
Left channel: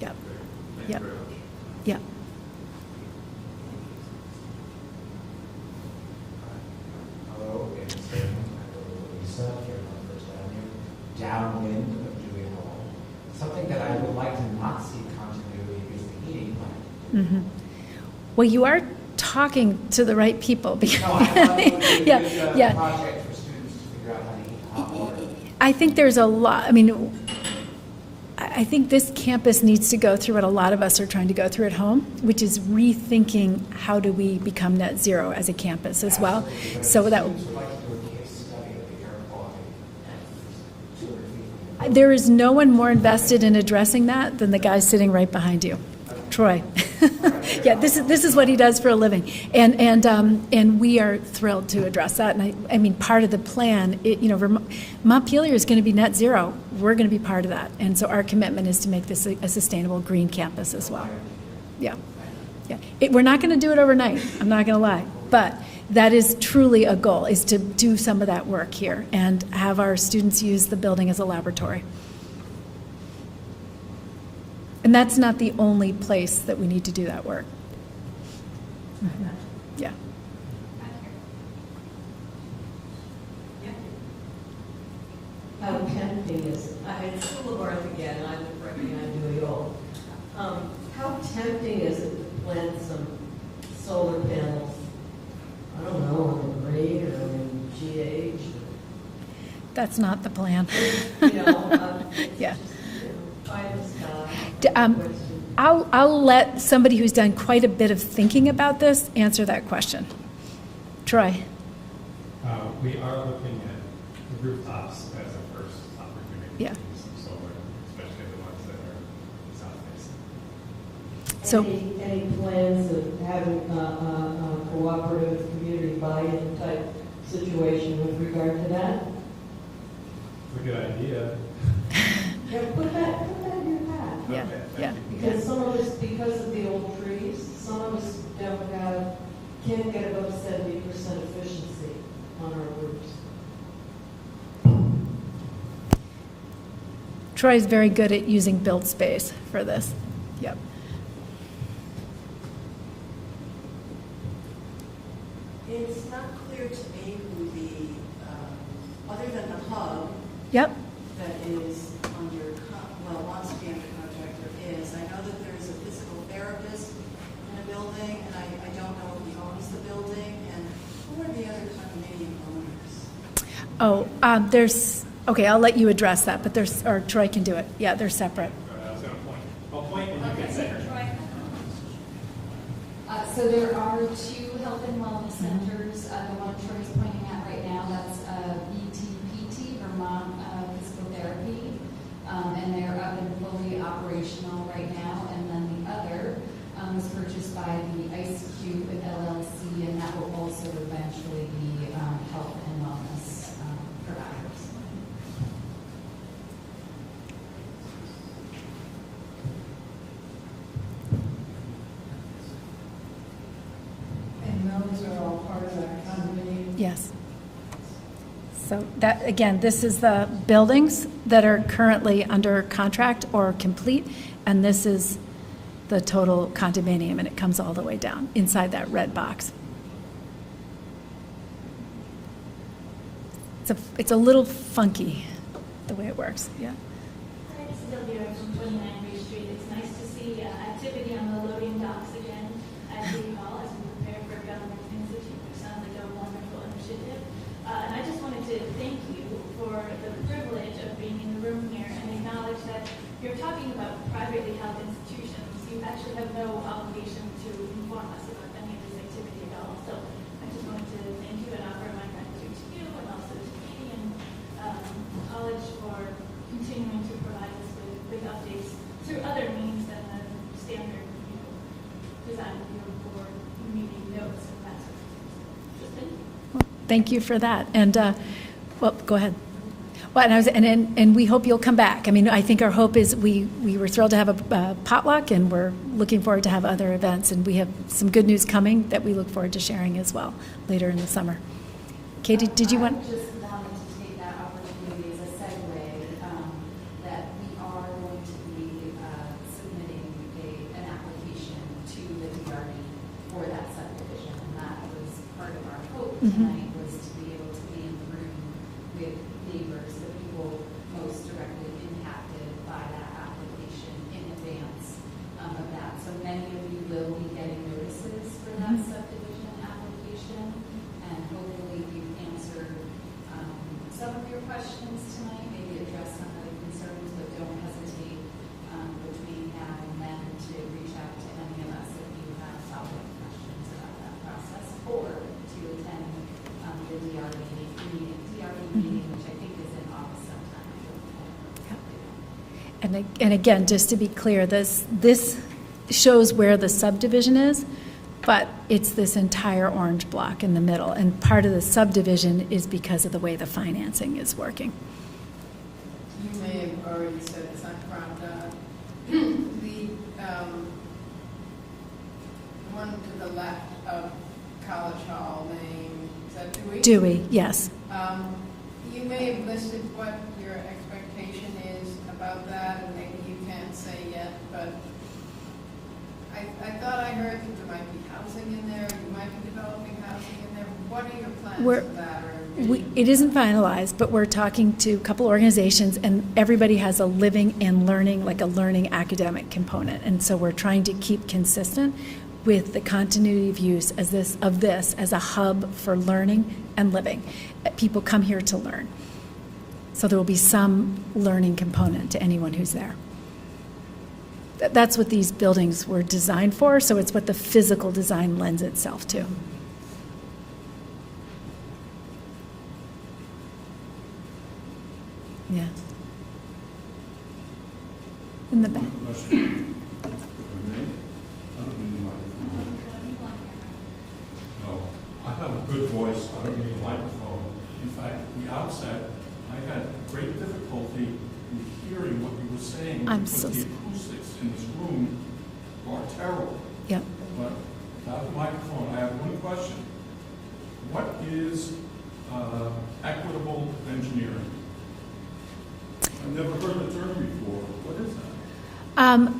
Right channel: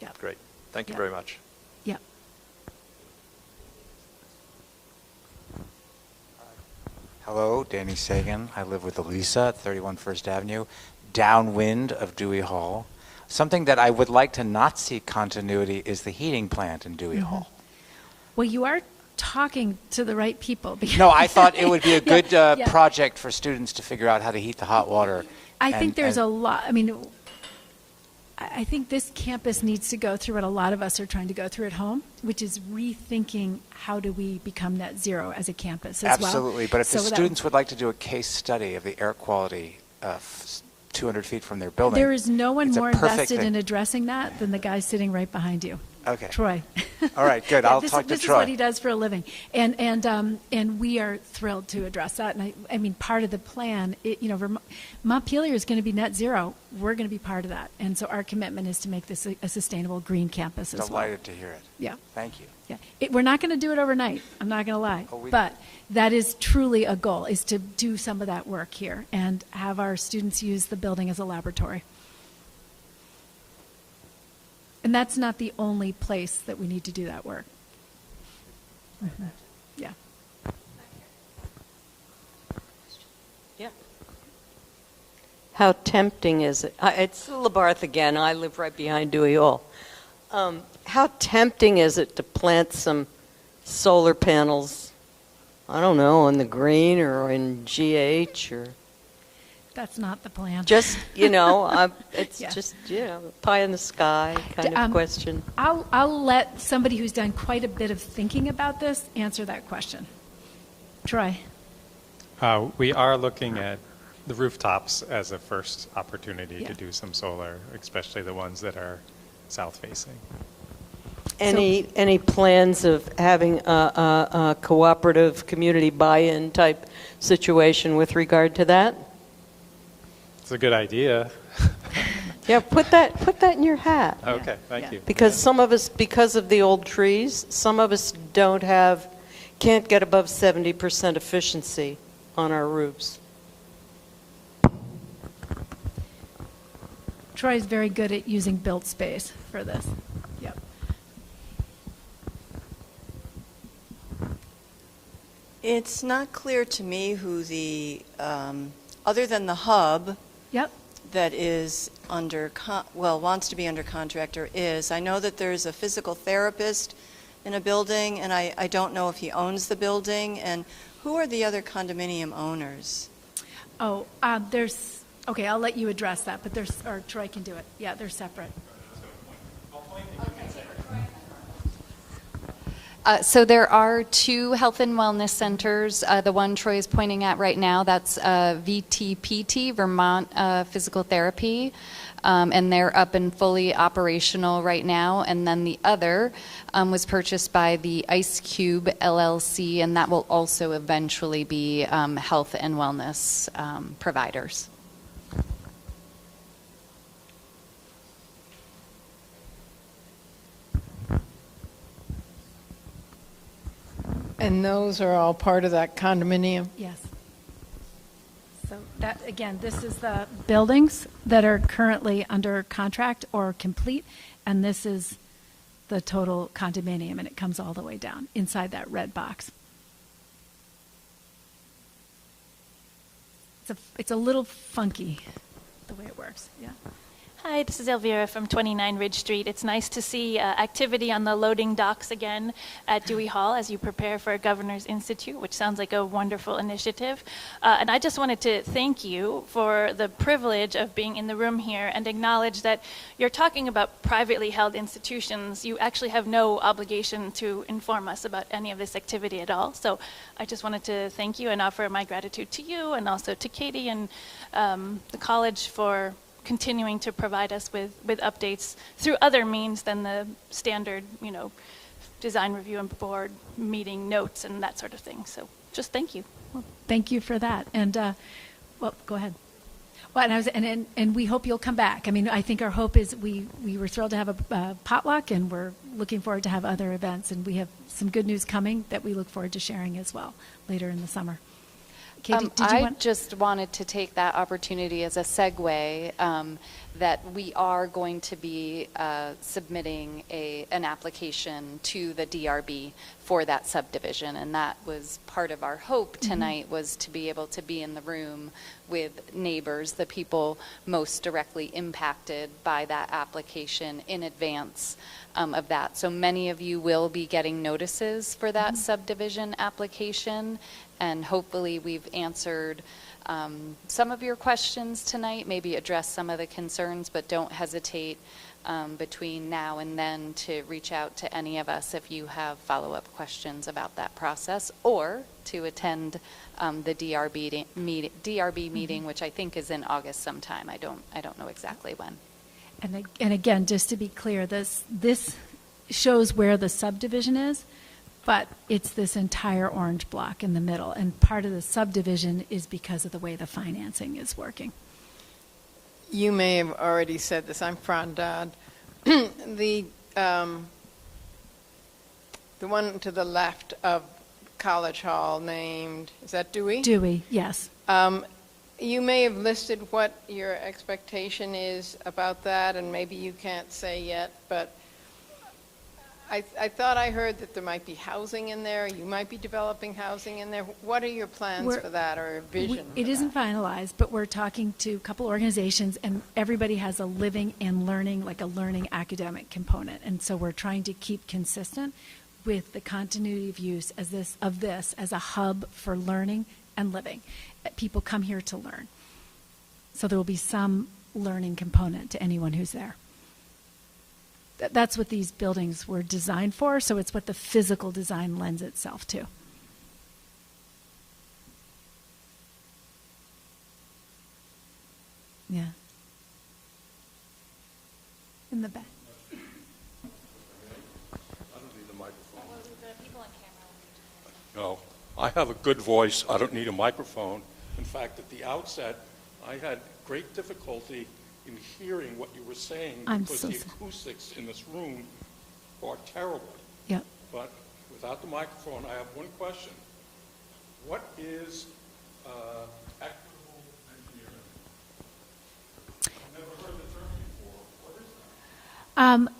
Yeah. Great. Thank you Yeah. very much. Yeah. Hello, Danny Sagan. I live with Elisa at 31 First Avenue, downwind of Dewey Hall. Something that I would like to not see continuity is the heating plant in Dewey Hall. Well, you are talking to the right people. No, I thought it would be a good Yeah. project for students to figure out how to heat the hot water. I think there's a lot, I mean, I think this campus needs to go through what a lot of us are trying to go through at home, which is rethinking how do we become net zero as a campus as well. Absolutely, but if So the that- students would like to do a case study of the air quality 200 feet from their building. There is no one it's a more perfect invested thing. in addressing that than the guy sitting right behind you. Okay. Troy. All right, good. Yeah, I'll this talk is to this is Troy. what he does for a living, and we are thrilled to address that. And I mean, part of the plan, Montpelier is going to be net zero. We're going to be part of that, and so our commitment is to make this a sustainable green campus as well. Delighted to hear it. Yeah. Thank you. Yeah, we're not going to do it overnight. I'm not going to lie, but that is truly a goal: is to do some of that work here and have our students use the building as a laboratory. And that's not the only place that we need to do that work. Yeah. How tempting is it? It's Labarth again. I live right behind Dewey Hall. How tempting is it to plant some solar panels, I don't know, on the green or in GH or That's not the plan. just, it's Yeah. just, pie in the sky kind of question. I'll let somebody who's done quite a bit of thinking about this answer that question. Troy. We are looking at the rooftops as a first opportunity Yeah. to do some solar, especially the ones that are south-facing. Any plans of having a cooperative community buy-in type situation with regard to that? It's a good idea. Yeah, put that in your hat. Okay, thank you. Because some of us, because of the old trees, some of us can't get above 70% efficiency on our roofs. Troy's very good at using built space for this. Yep. It's not clear to me who the, other than the hub Yep. that is wants to be under contract or is. I know that there's a physical therapist in a building, and I don't know if he owns the building. And who are the other condominium owners? Oh, okay, I'll let you address that, but or Troy can do it. Yeah, they're separate. So there are two health and wellness centers. The one Troy is pointing at right now, that's VTPT, Vermont Physical Therapy, and they're up and fully operational right now. And then the other was purchased by the Ice Cube LLC, and that will also eventually be health and wellness providers. And those are all part of that condominium? Yes. So that, again, this is the buildings that are currently under contract or complete, and this is the total condominium, and it comes all the way down inside that red box. It's a little funky, the way it works, yeah. Hi, this is Elvira from 29 Ridge Street. It's nice to see activity on the loading docks again at Dewey Hall as you prepare for Governor's Institute, which sounds like a wonderful initiative. And I just wanted to thank you for the privilege of being in the room here and acknowledge that you're talking about privately held institutions. You actually have no obligation to inform us about any of this activity at all. So I just wanted to thank you and offer my gratitude to you and also to Katie and the college for continuing to provide us with updates through other means than the standard, design review and board meeting notes and that sort of thing. So just thank you. Thank you for that. And, go ahead. Well, and we hope you'll come back. I mean, I think our hope is we were thrilled to have a potluck, and we're looking forward to have other events. And we have some good news coming that we look forward to sharing as well later in the summer. Katie, did you want? I just wanted to take that opportunity as a segue that we are going to be submitting an application to the DRB for that subdivision, and that was part of our hope tonight, was to be able to be in the room with neighbors, the people most directly impacted by that application in advance of that. So many of you will be getting notices for that subdivision application, and hopefully we've answered some of your questions tonight, maybe addressed some of the concerns, but don't hesitate between now and then to reach out to any of us if you have follow-up questions about that process, or to attend the DRB meeting, which I think is in August sometime. I don't know exactly when. And again, just to be clear, this shows where the subdivision is, but it's this entire orange block in the middle. And part of the subdivision is because of the way the financing is working. You may have already said this, I'm Fran Dodd. The one to the left of College Hall named, is that Dewey? Dewey, yes. You may have listed what your expectation is about that, and maybe you can't say yet, but I thought I heard that there might be housing in there. You might be developing housing in there. What are your plans for that, or vision? It isn't finalized, but we're talking to a couple organizations, and everybody has a living and learning, like a learning academic component. And so we're trying to keep consistent with the continuity of use of this as a hub for learning and living. People come here to learn. So there will be some learning component to anyone who's there. That's what these buildings were designed for, so it's what the physical design lends itself to. Yeah. In the back. No, I have a good voice. I don't need a microphone. In fact, at the outset, I had great difficulty in hearing what you were saying because the acoustics in this room are terrible. Yep. But without the microphone, I have one question. What is equitable engineering? I've never heard the term before. What is that?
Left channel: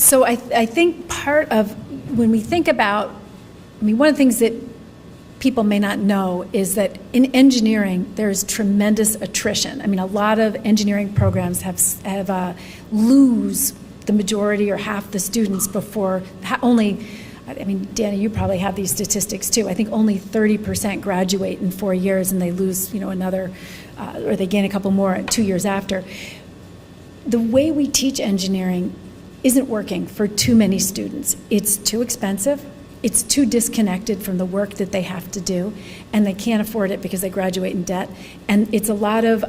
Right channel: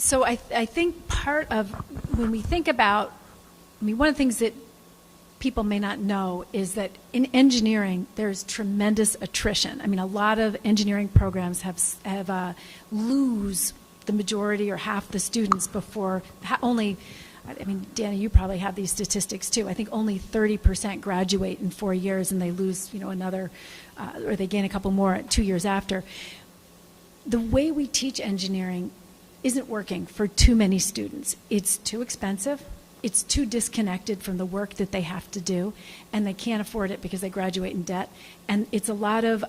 So I think part of, when we think about, one of the things that people may not know is that in engineering, there's tremendous attrition. A lot of engineering programs have lose the majority or half the students before Danny, you probably have these statistics too. I think only 30% graduate in 4 years, and they lose, another, or they gain a couple more 2 years after. The way we teach engineering isn't working for too many students. It's too expensive. It's too disconnected from the work that they have to do, and they can't afford it because they graduate in debt. And it's a lot of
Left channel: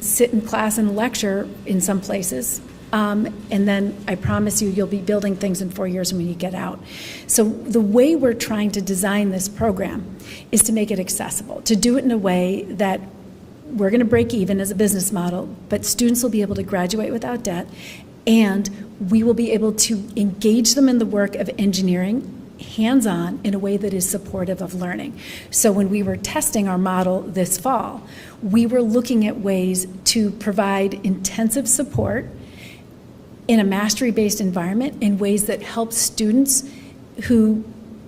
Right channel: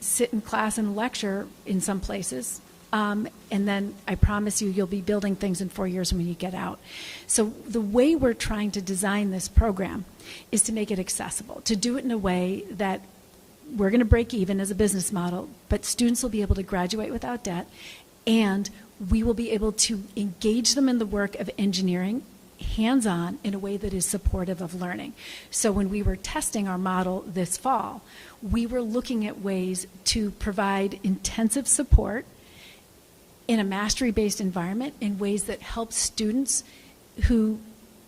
sit in class and lecture in some places, and then I promise you'll be building things in 4 years when you get out. So the way we're trying to design this program is to make it accessible, to do it in a way that we're going to break even as a business model, but students will be able to graduate without debt, and we will be able to engage them in the work of engineering hands-on in a way that is supportive of learning. So when we were testing our model this fall, we were looking at ways to provide intensive support in a mastery-based environment in ways that help students who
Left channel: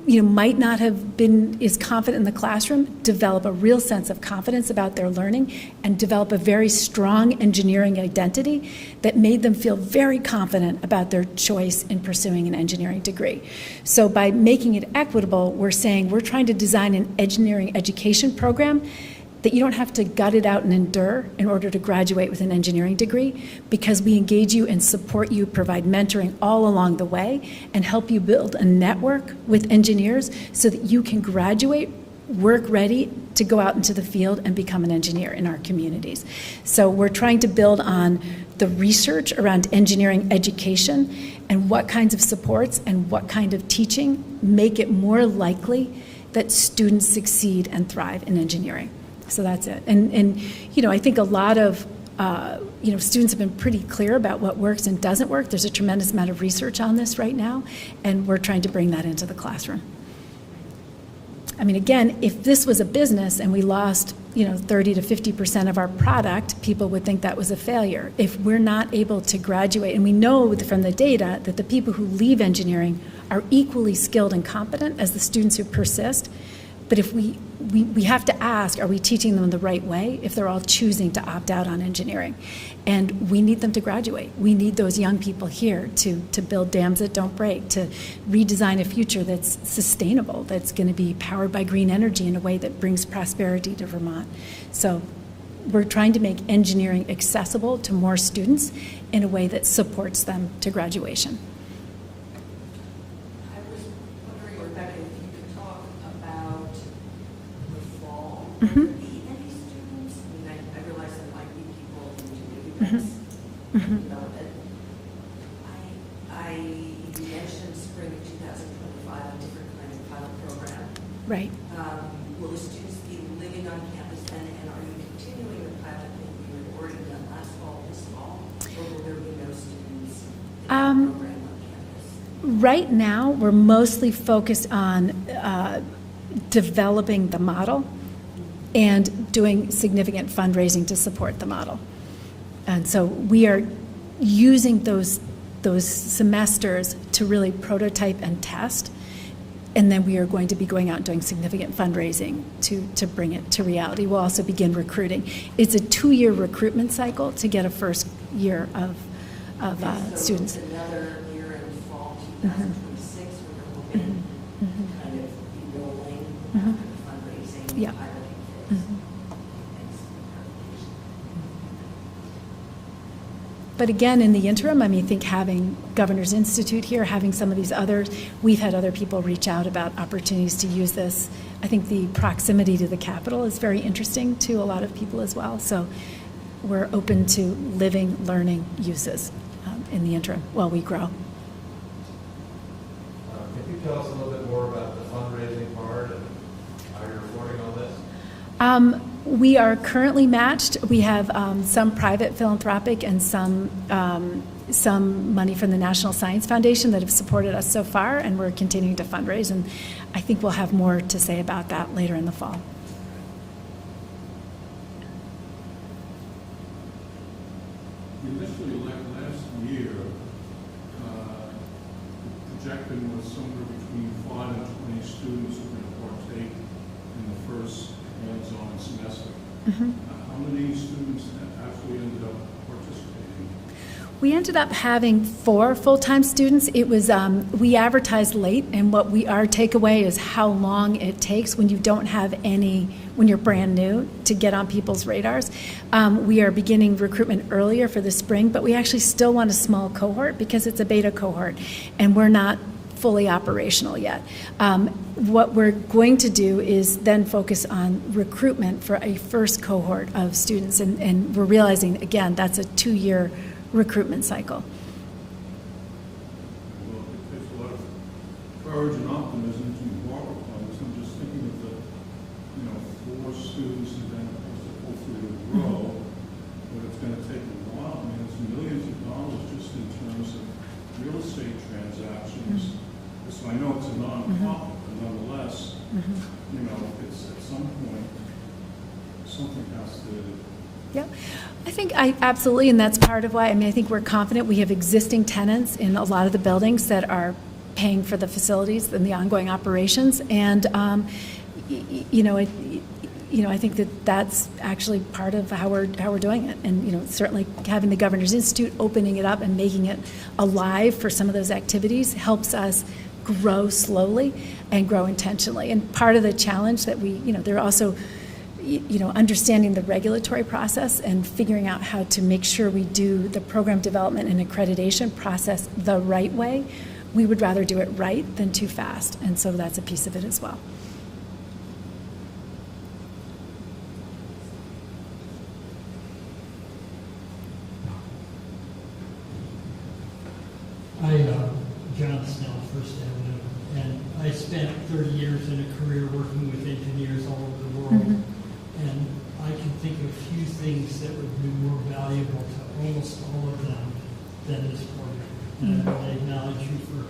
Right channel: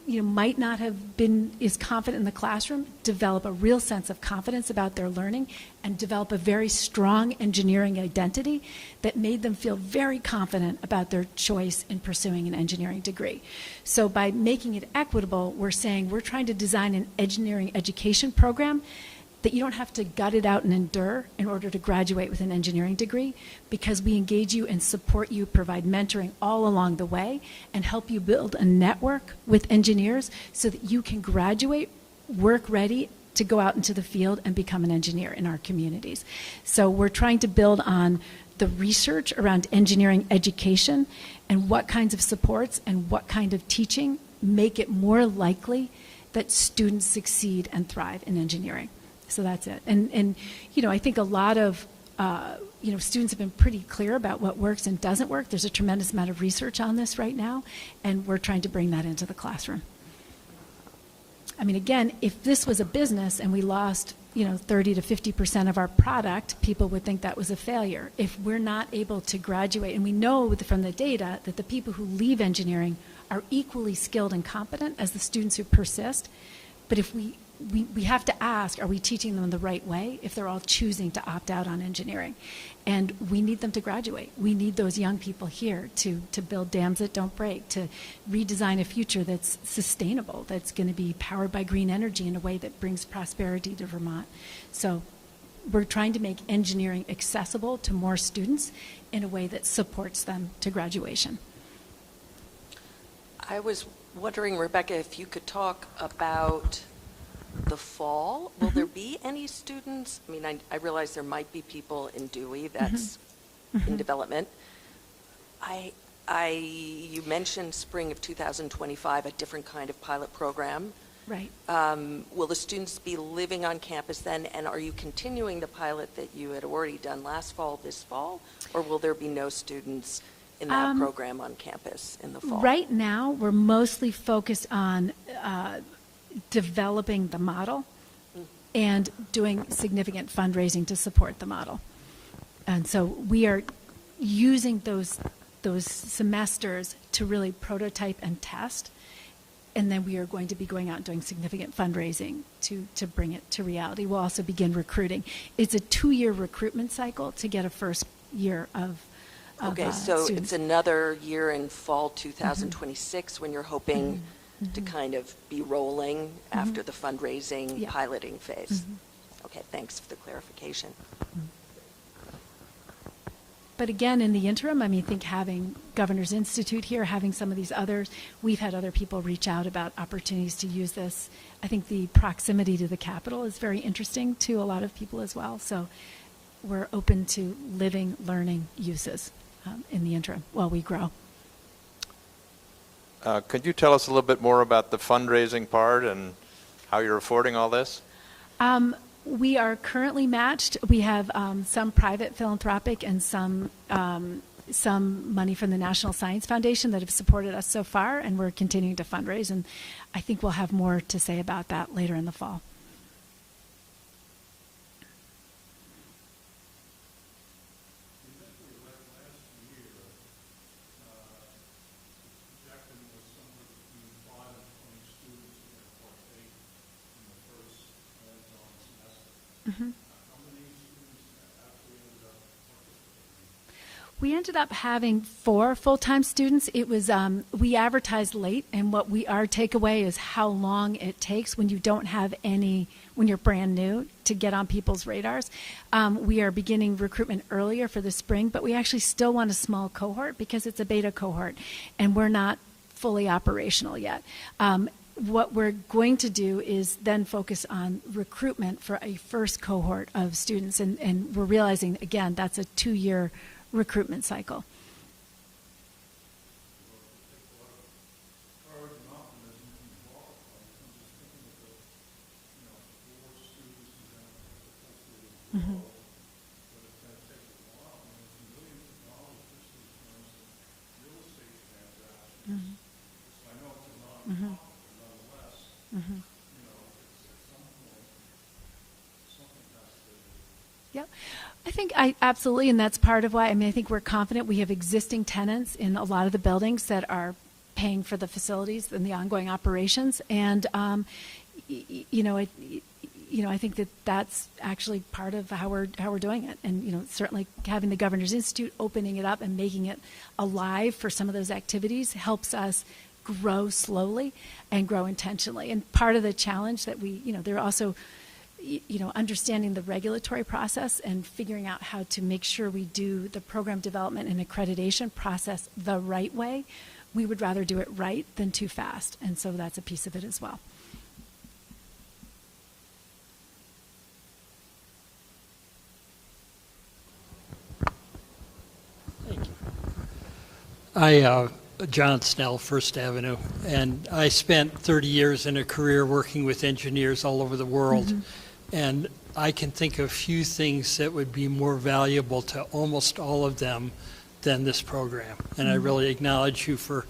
might not have been as confident in the classroom develop a real sense of confidence about their learning and develop a very strong engineering identity that made them feel very confident about their choice in pursuing an engineering degree. So by making it equitable, we're saying we're trying to design an engineering education program that you don't have to gut it out and endure in order to graduate with an engineering degree, because we engage you and support you, provide mentoring all along the way, and help you build a network with engineers so that you can graduate, work ready to go out into the field and become an engineer in our communities. So we're trying to build on the research around engineering education and what kinds of supports and what kind of teaching make it more likely that students succeed and thrive in engineering. So that's it. And I think a lot of, students have been pretty clear about what works and doesn't work. There's a tremendous amount of research on this right now, and we're trying to bring that into the classroom. Again, if this was a business and we lost, 30 to 50% of our product, people would think that was a failure. If we're not able to graduate, and we know from the data that the people who leave engineering are equally skilled and competent as the students who persist, but if we have to ask, are we teaching them the right way if they're all choosing to opt out on engineering? And we need them to graduate. We need those young people here to build dams that don't break, to redesign a future that's sustainable, that's going to be powered by green energy in a way that brings prosperity to Vermont. So we're trying to make engineering accessible to more students in a way that supports them to graduation. I was wondering, Rebecca, if you could talk about the fall. Will there be any students? I mean, I realize there might be people in Dewey that's in development. You mentioned spring of 2025, a different kind of pilot program. Right. Will the students be living on campus then, and are you continuing the pilot that you had already done last fall, this fall, or will there be no students in that program on campus in the fall? Right now, we're mostly focused on developing the model and doing significant fundraising to support the model. And so we are using those semesters to really prototype and test, and then we are going to be going out and doing significant fundraising to bring it to reality. We'll also begin recruiting. It's a 2-year recruitment cycle to get a first year of Okay, so students. it's another year in fall 2026 when you're hoping to kind of be rolling after the fundraising piloting phase. Okay, thanks for the clarification. But again, in the interim, I mean, I think having Governor's Institute here, having some of these others, we've had other people reach out about opportunities to use this. I think the proximity to the Capitol is very interesting to a lot of people as well. So we're open to living, learning uses in the interim while we grow. Could you tell us a little bit more about the fundraising part and how you're affording all this? We are currently matched. We have some private philanthropic and some money from the National Science Foundation that have supported us so far, and we're continuing to fundraise. And I think we'll have more to say about that later in the fall. Initially, like last year, the projection was somewhere between 5 and 20 students who were going to partake in the first hands-on semester. How many students actually ended up participating? We ended up having 4 full-time students. It was we advertised late, and our takeaway is how long it takes when you don't have any, when you're brand new, to get on people's radars. We are beginning recruitment earlier for the spring, but we actually still want a small cohort because it's a beta cohort, and we're not fully operational yet. What we're going to do is then focus on recruitment for a first cohort of students, and we're realizing, again, that's a 2-year recruitment cycle. Well, it takes a lot of courage and optimism to embark upon this. I'm just thinking of the, 4 students and then hopefully it'll grow, but it's going to take a while. I mean, it's millions of dollars just in terms of real estate transactions. So I know it's a non-profit, but nonetheless, it's at some point, something has to. Yeah, I think absolutely, and that's part of why, I think we're confident. We have existing tenants in a lot of the buildings that are paying for the facilities and the ongoing operations, and I think that's actually part of how we're doing it, and certainly having the Governor's Institute opening it up and making it alive for some of those activities helps us grow slowly and grow intentionally. And part of the challenge that they're also understanding the regulatory process and figuring out how to make sure we do the program development and accreditation process the right way. We would rather do it right than too fast, and so that's a piece of it as well. John Snell, First Avenue, and I spent 30 years in a career working with engineers all over the world, and I can think of few things that would be more valuable to almost all of them than this program. And I really acknowledge you for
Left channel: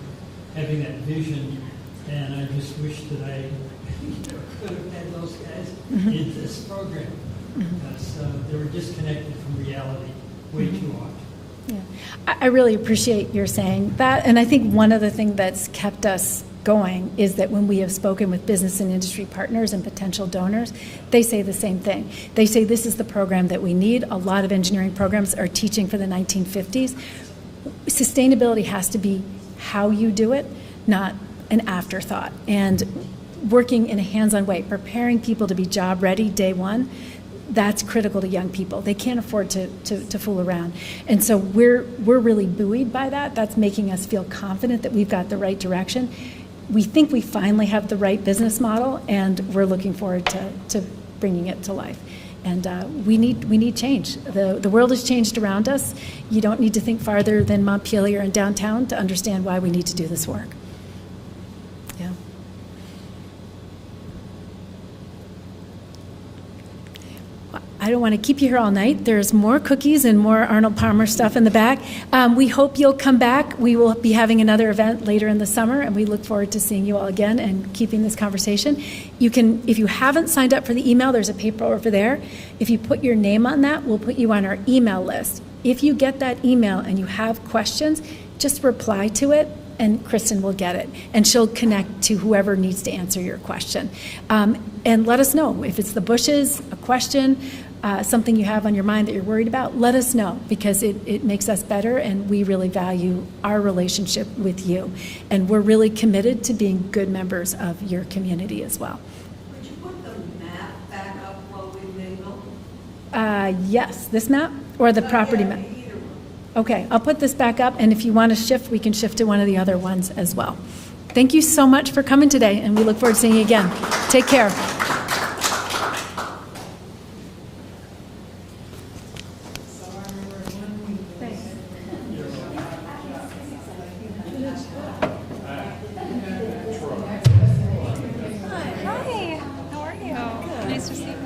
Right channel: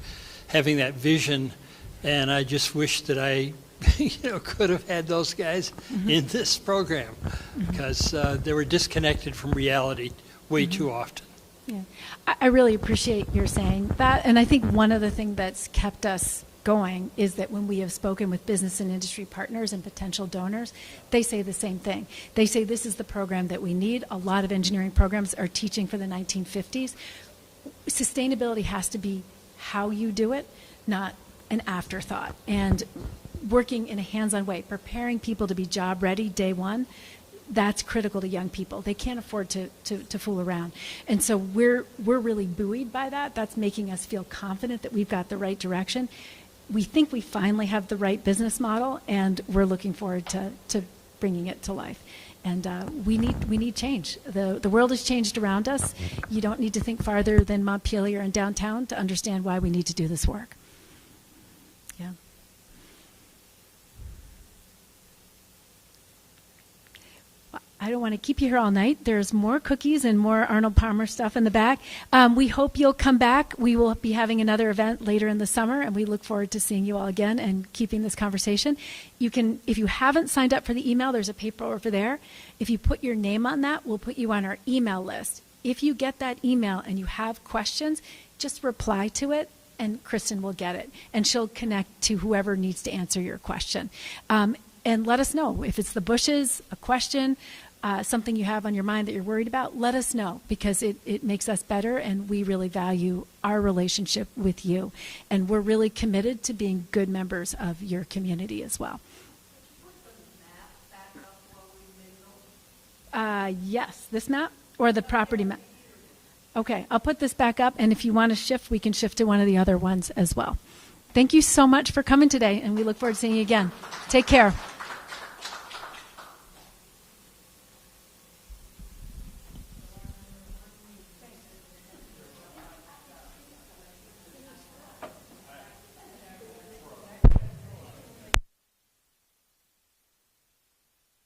having that vision, and I just wish that I could have had those guys in this program, because they were disconnected from reality way too often. Yeah, I really appreciate your saying that, and I think one of the things that's kept us going is that when we have spoken with business and industry partners and potential donors, they say the same thing. They say this is the program that we need. A lot of engineering programs are teaching for the 1950s. Sustainability has to be how you do it, not an afterthought. And working in a hands-on way, preparing people to be job ready day one, That's critical to young people. They can't afford to fool around. And so we're really buoyed by that. That's making us feel confident that we've got the right direction. We think we finally have the right business model, and we're looking forward to bringing it to life. And we need change. The world has changed around us. You don't need to think farther than Montpelier and downtown to understand why we need to do this work. Yeah. I don't want to keep you here all night. There's more cookies and more Arnold Palmer stuff in the back. We hope you'll come back. We will be having another event later in the summer, and we look forward to seeing you all again and keeping this conversation. You can, if you haven't signed up for the email, there's a paper over there. If you put your name on that, we'll put you on our email list. If you get that email and you have questions, just reply to it, and Kristen will get it, and she'll connect to whoever needs to answer your question. And let us know if it's the bushes, a question, something you have on your mind that you're worried about. Let us know, because it makes us better, and we really value our relationship with you, and we're really committed to being good members of your community as well. Would you put the map back up while we mingle? Yes, this map or the property map? Okay, I'll put this back up, and if you want to shift, we can shift to one of the other ones as well. Thank you so much for coming today, and we look forward to seeing you again. Take care. Hi, how are you? Nice to see you.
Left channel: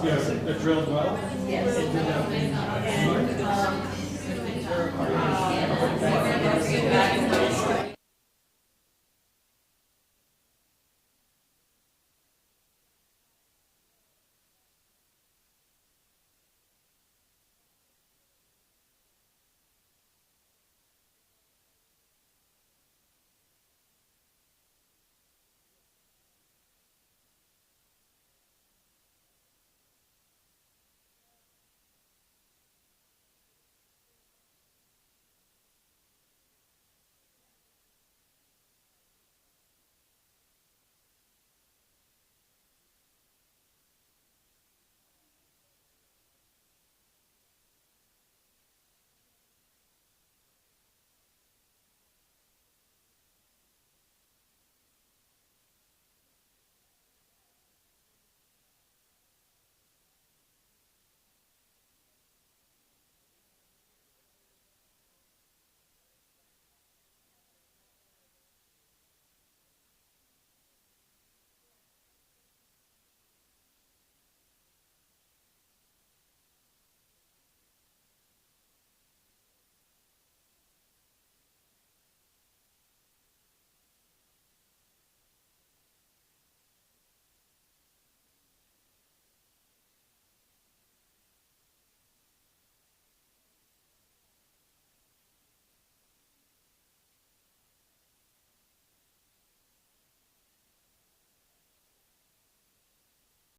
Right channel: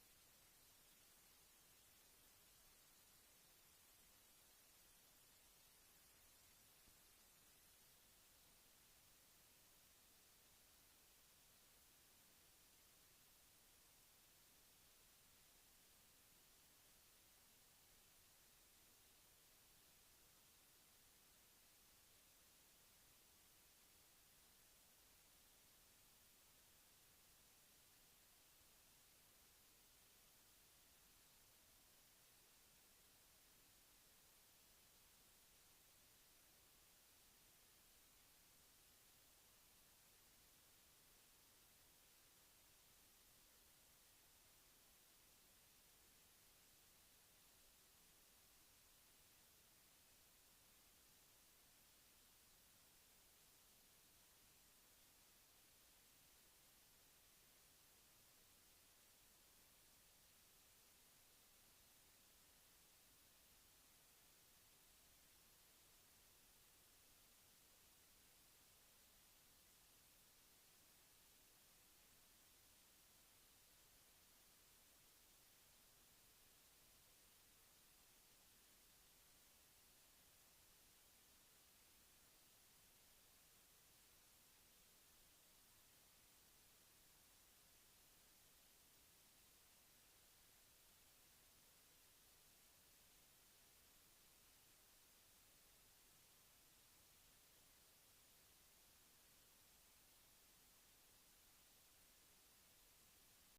Yes, it drilled well? Yes.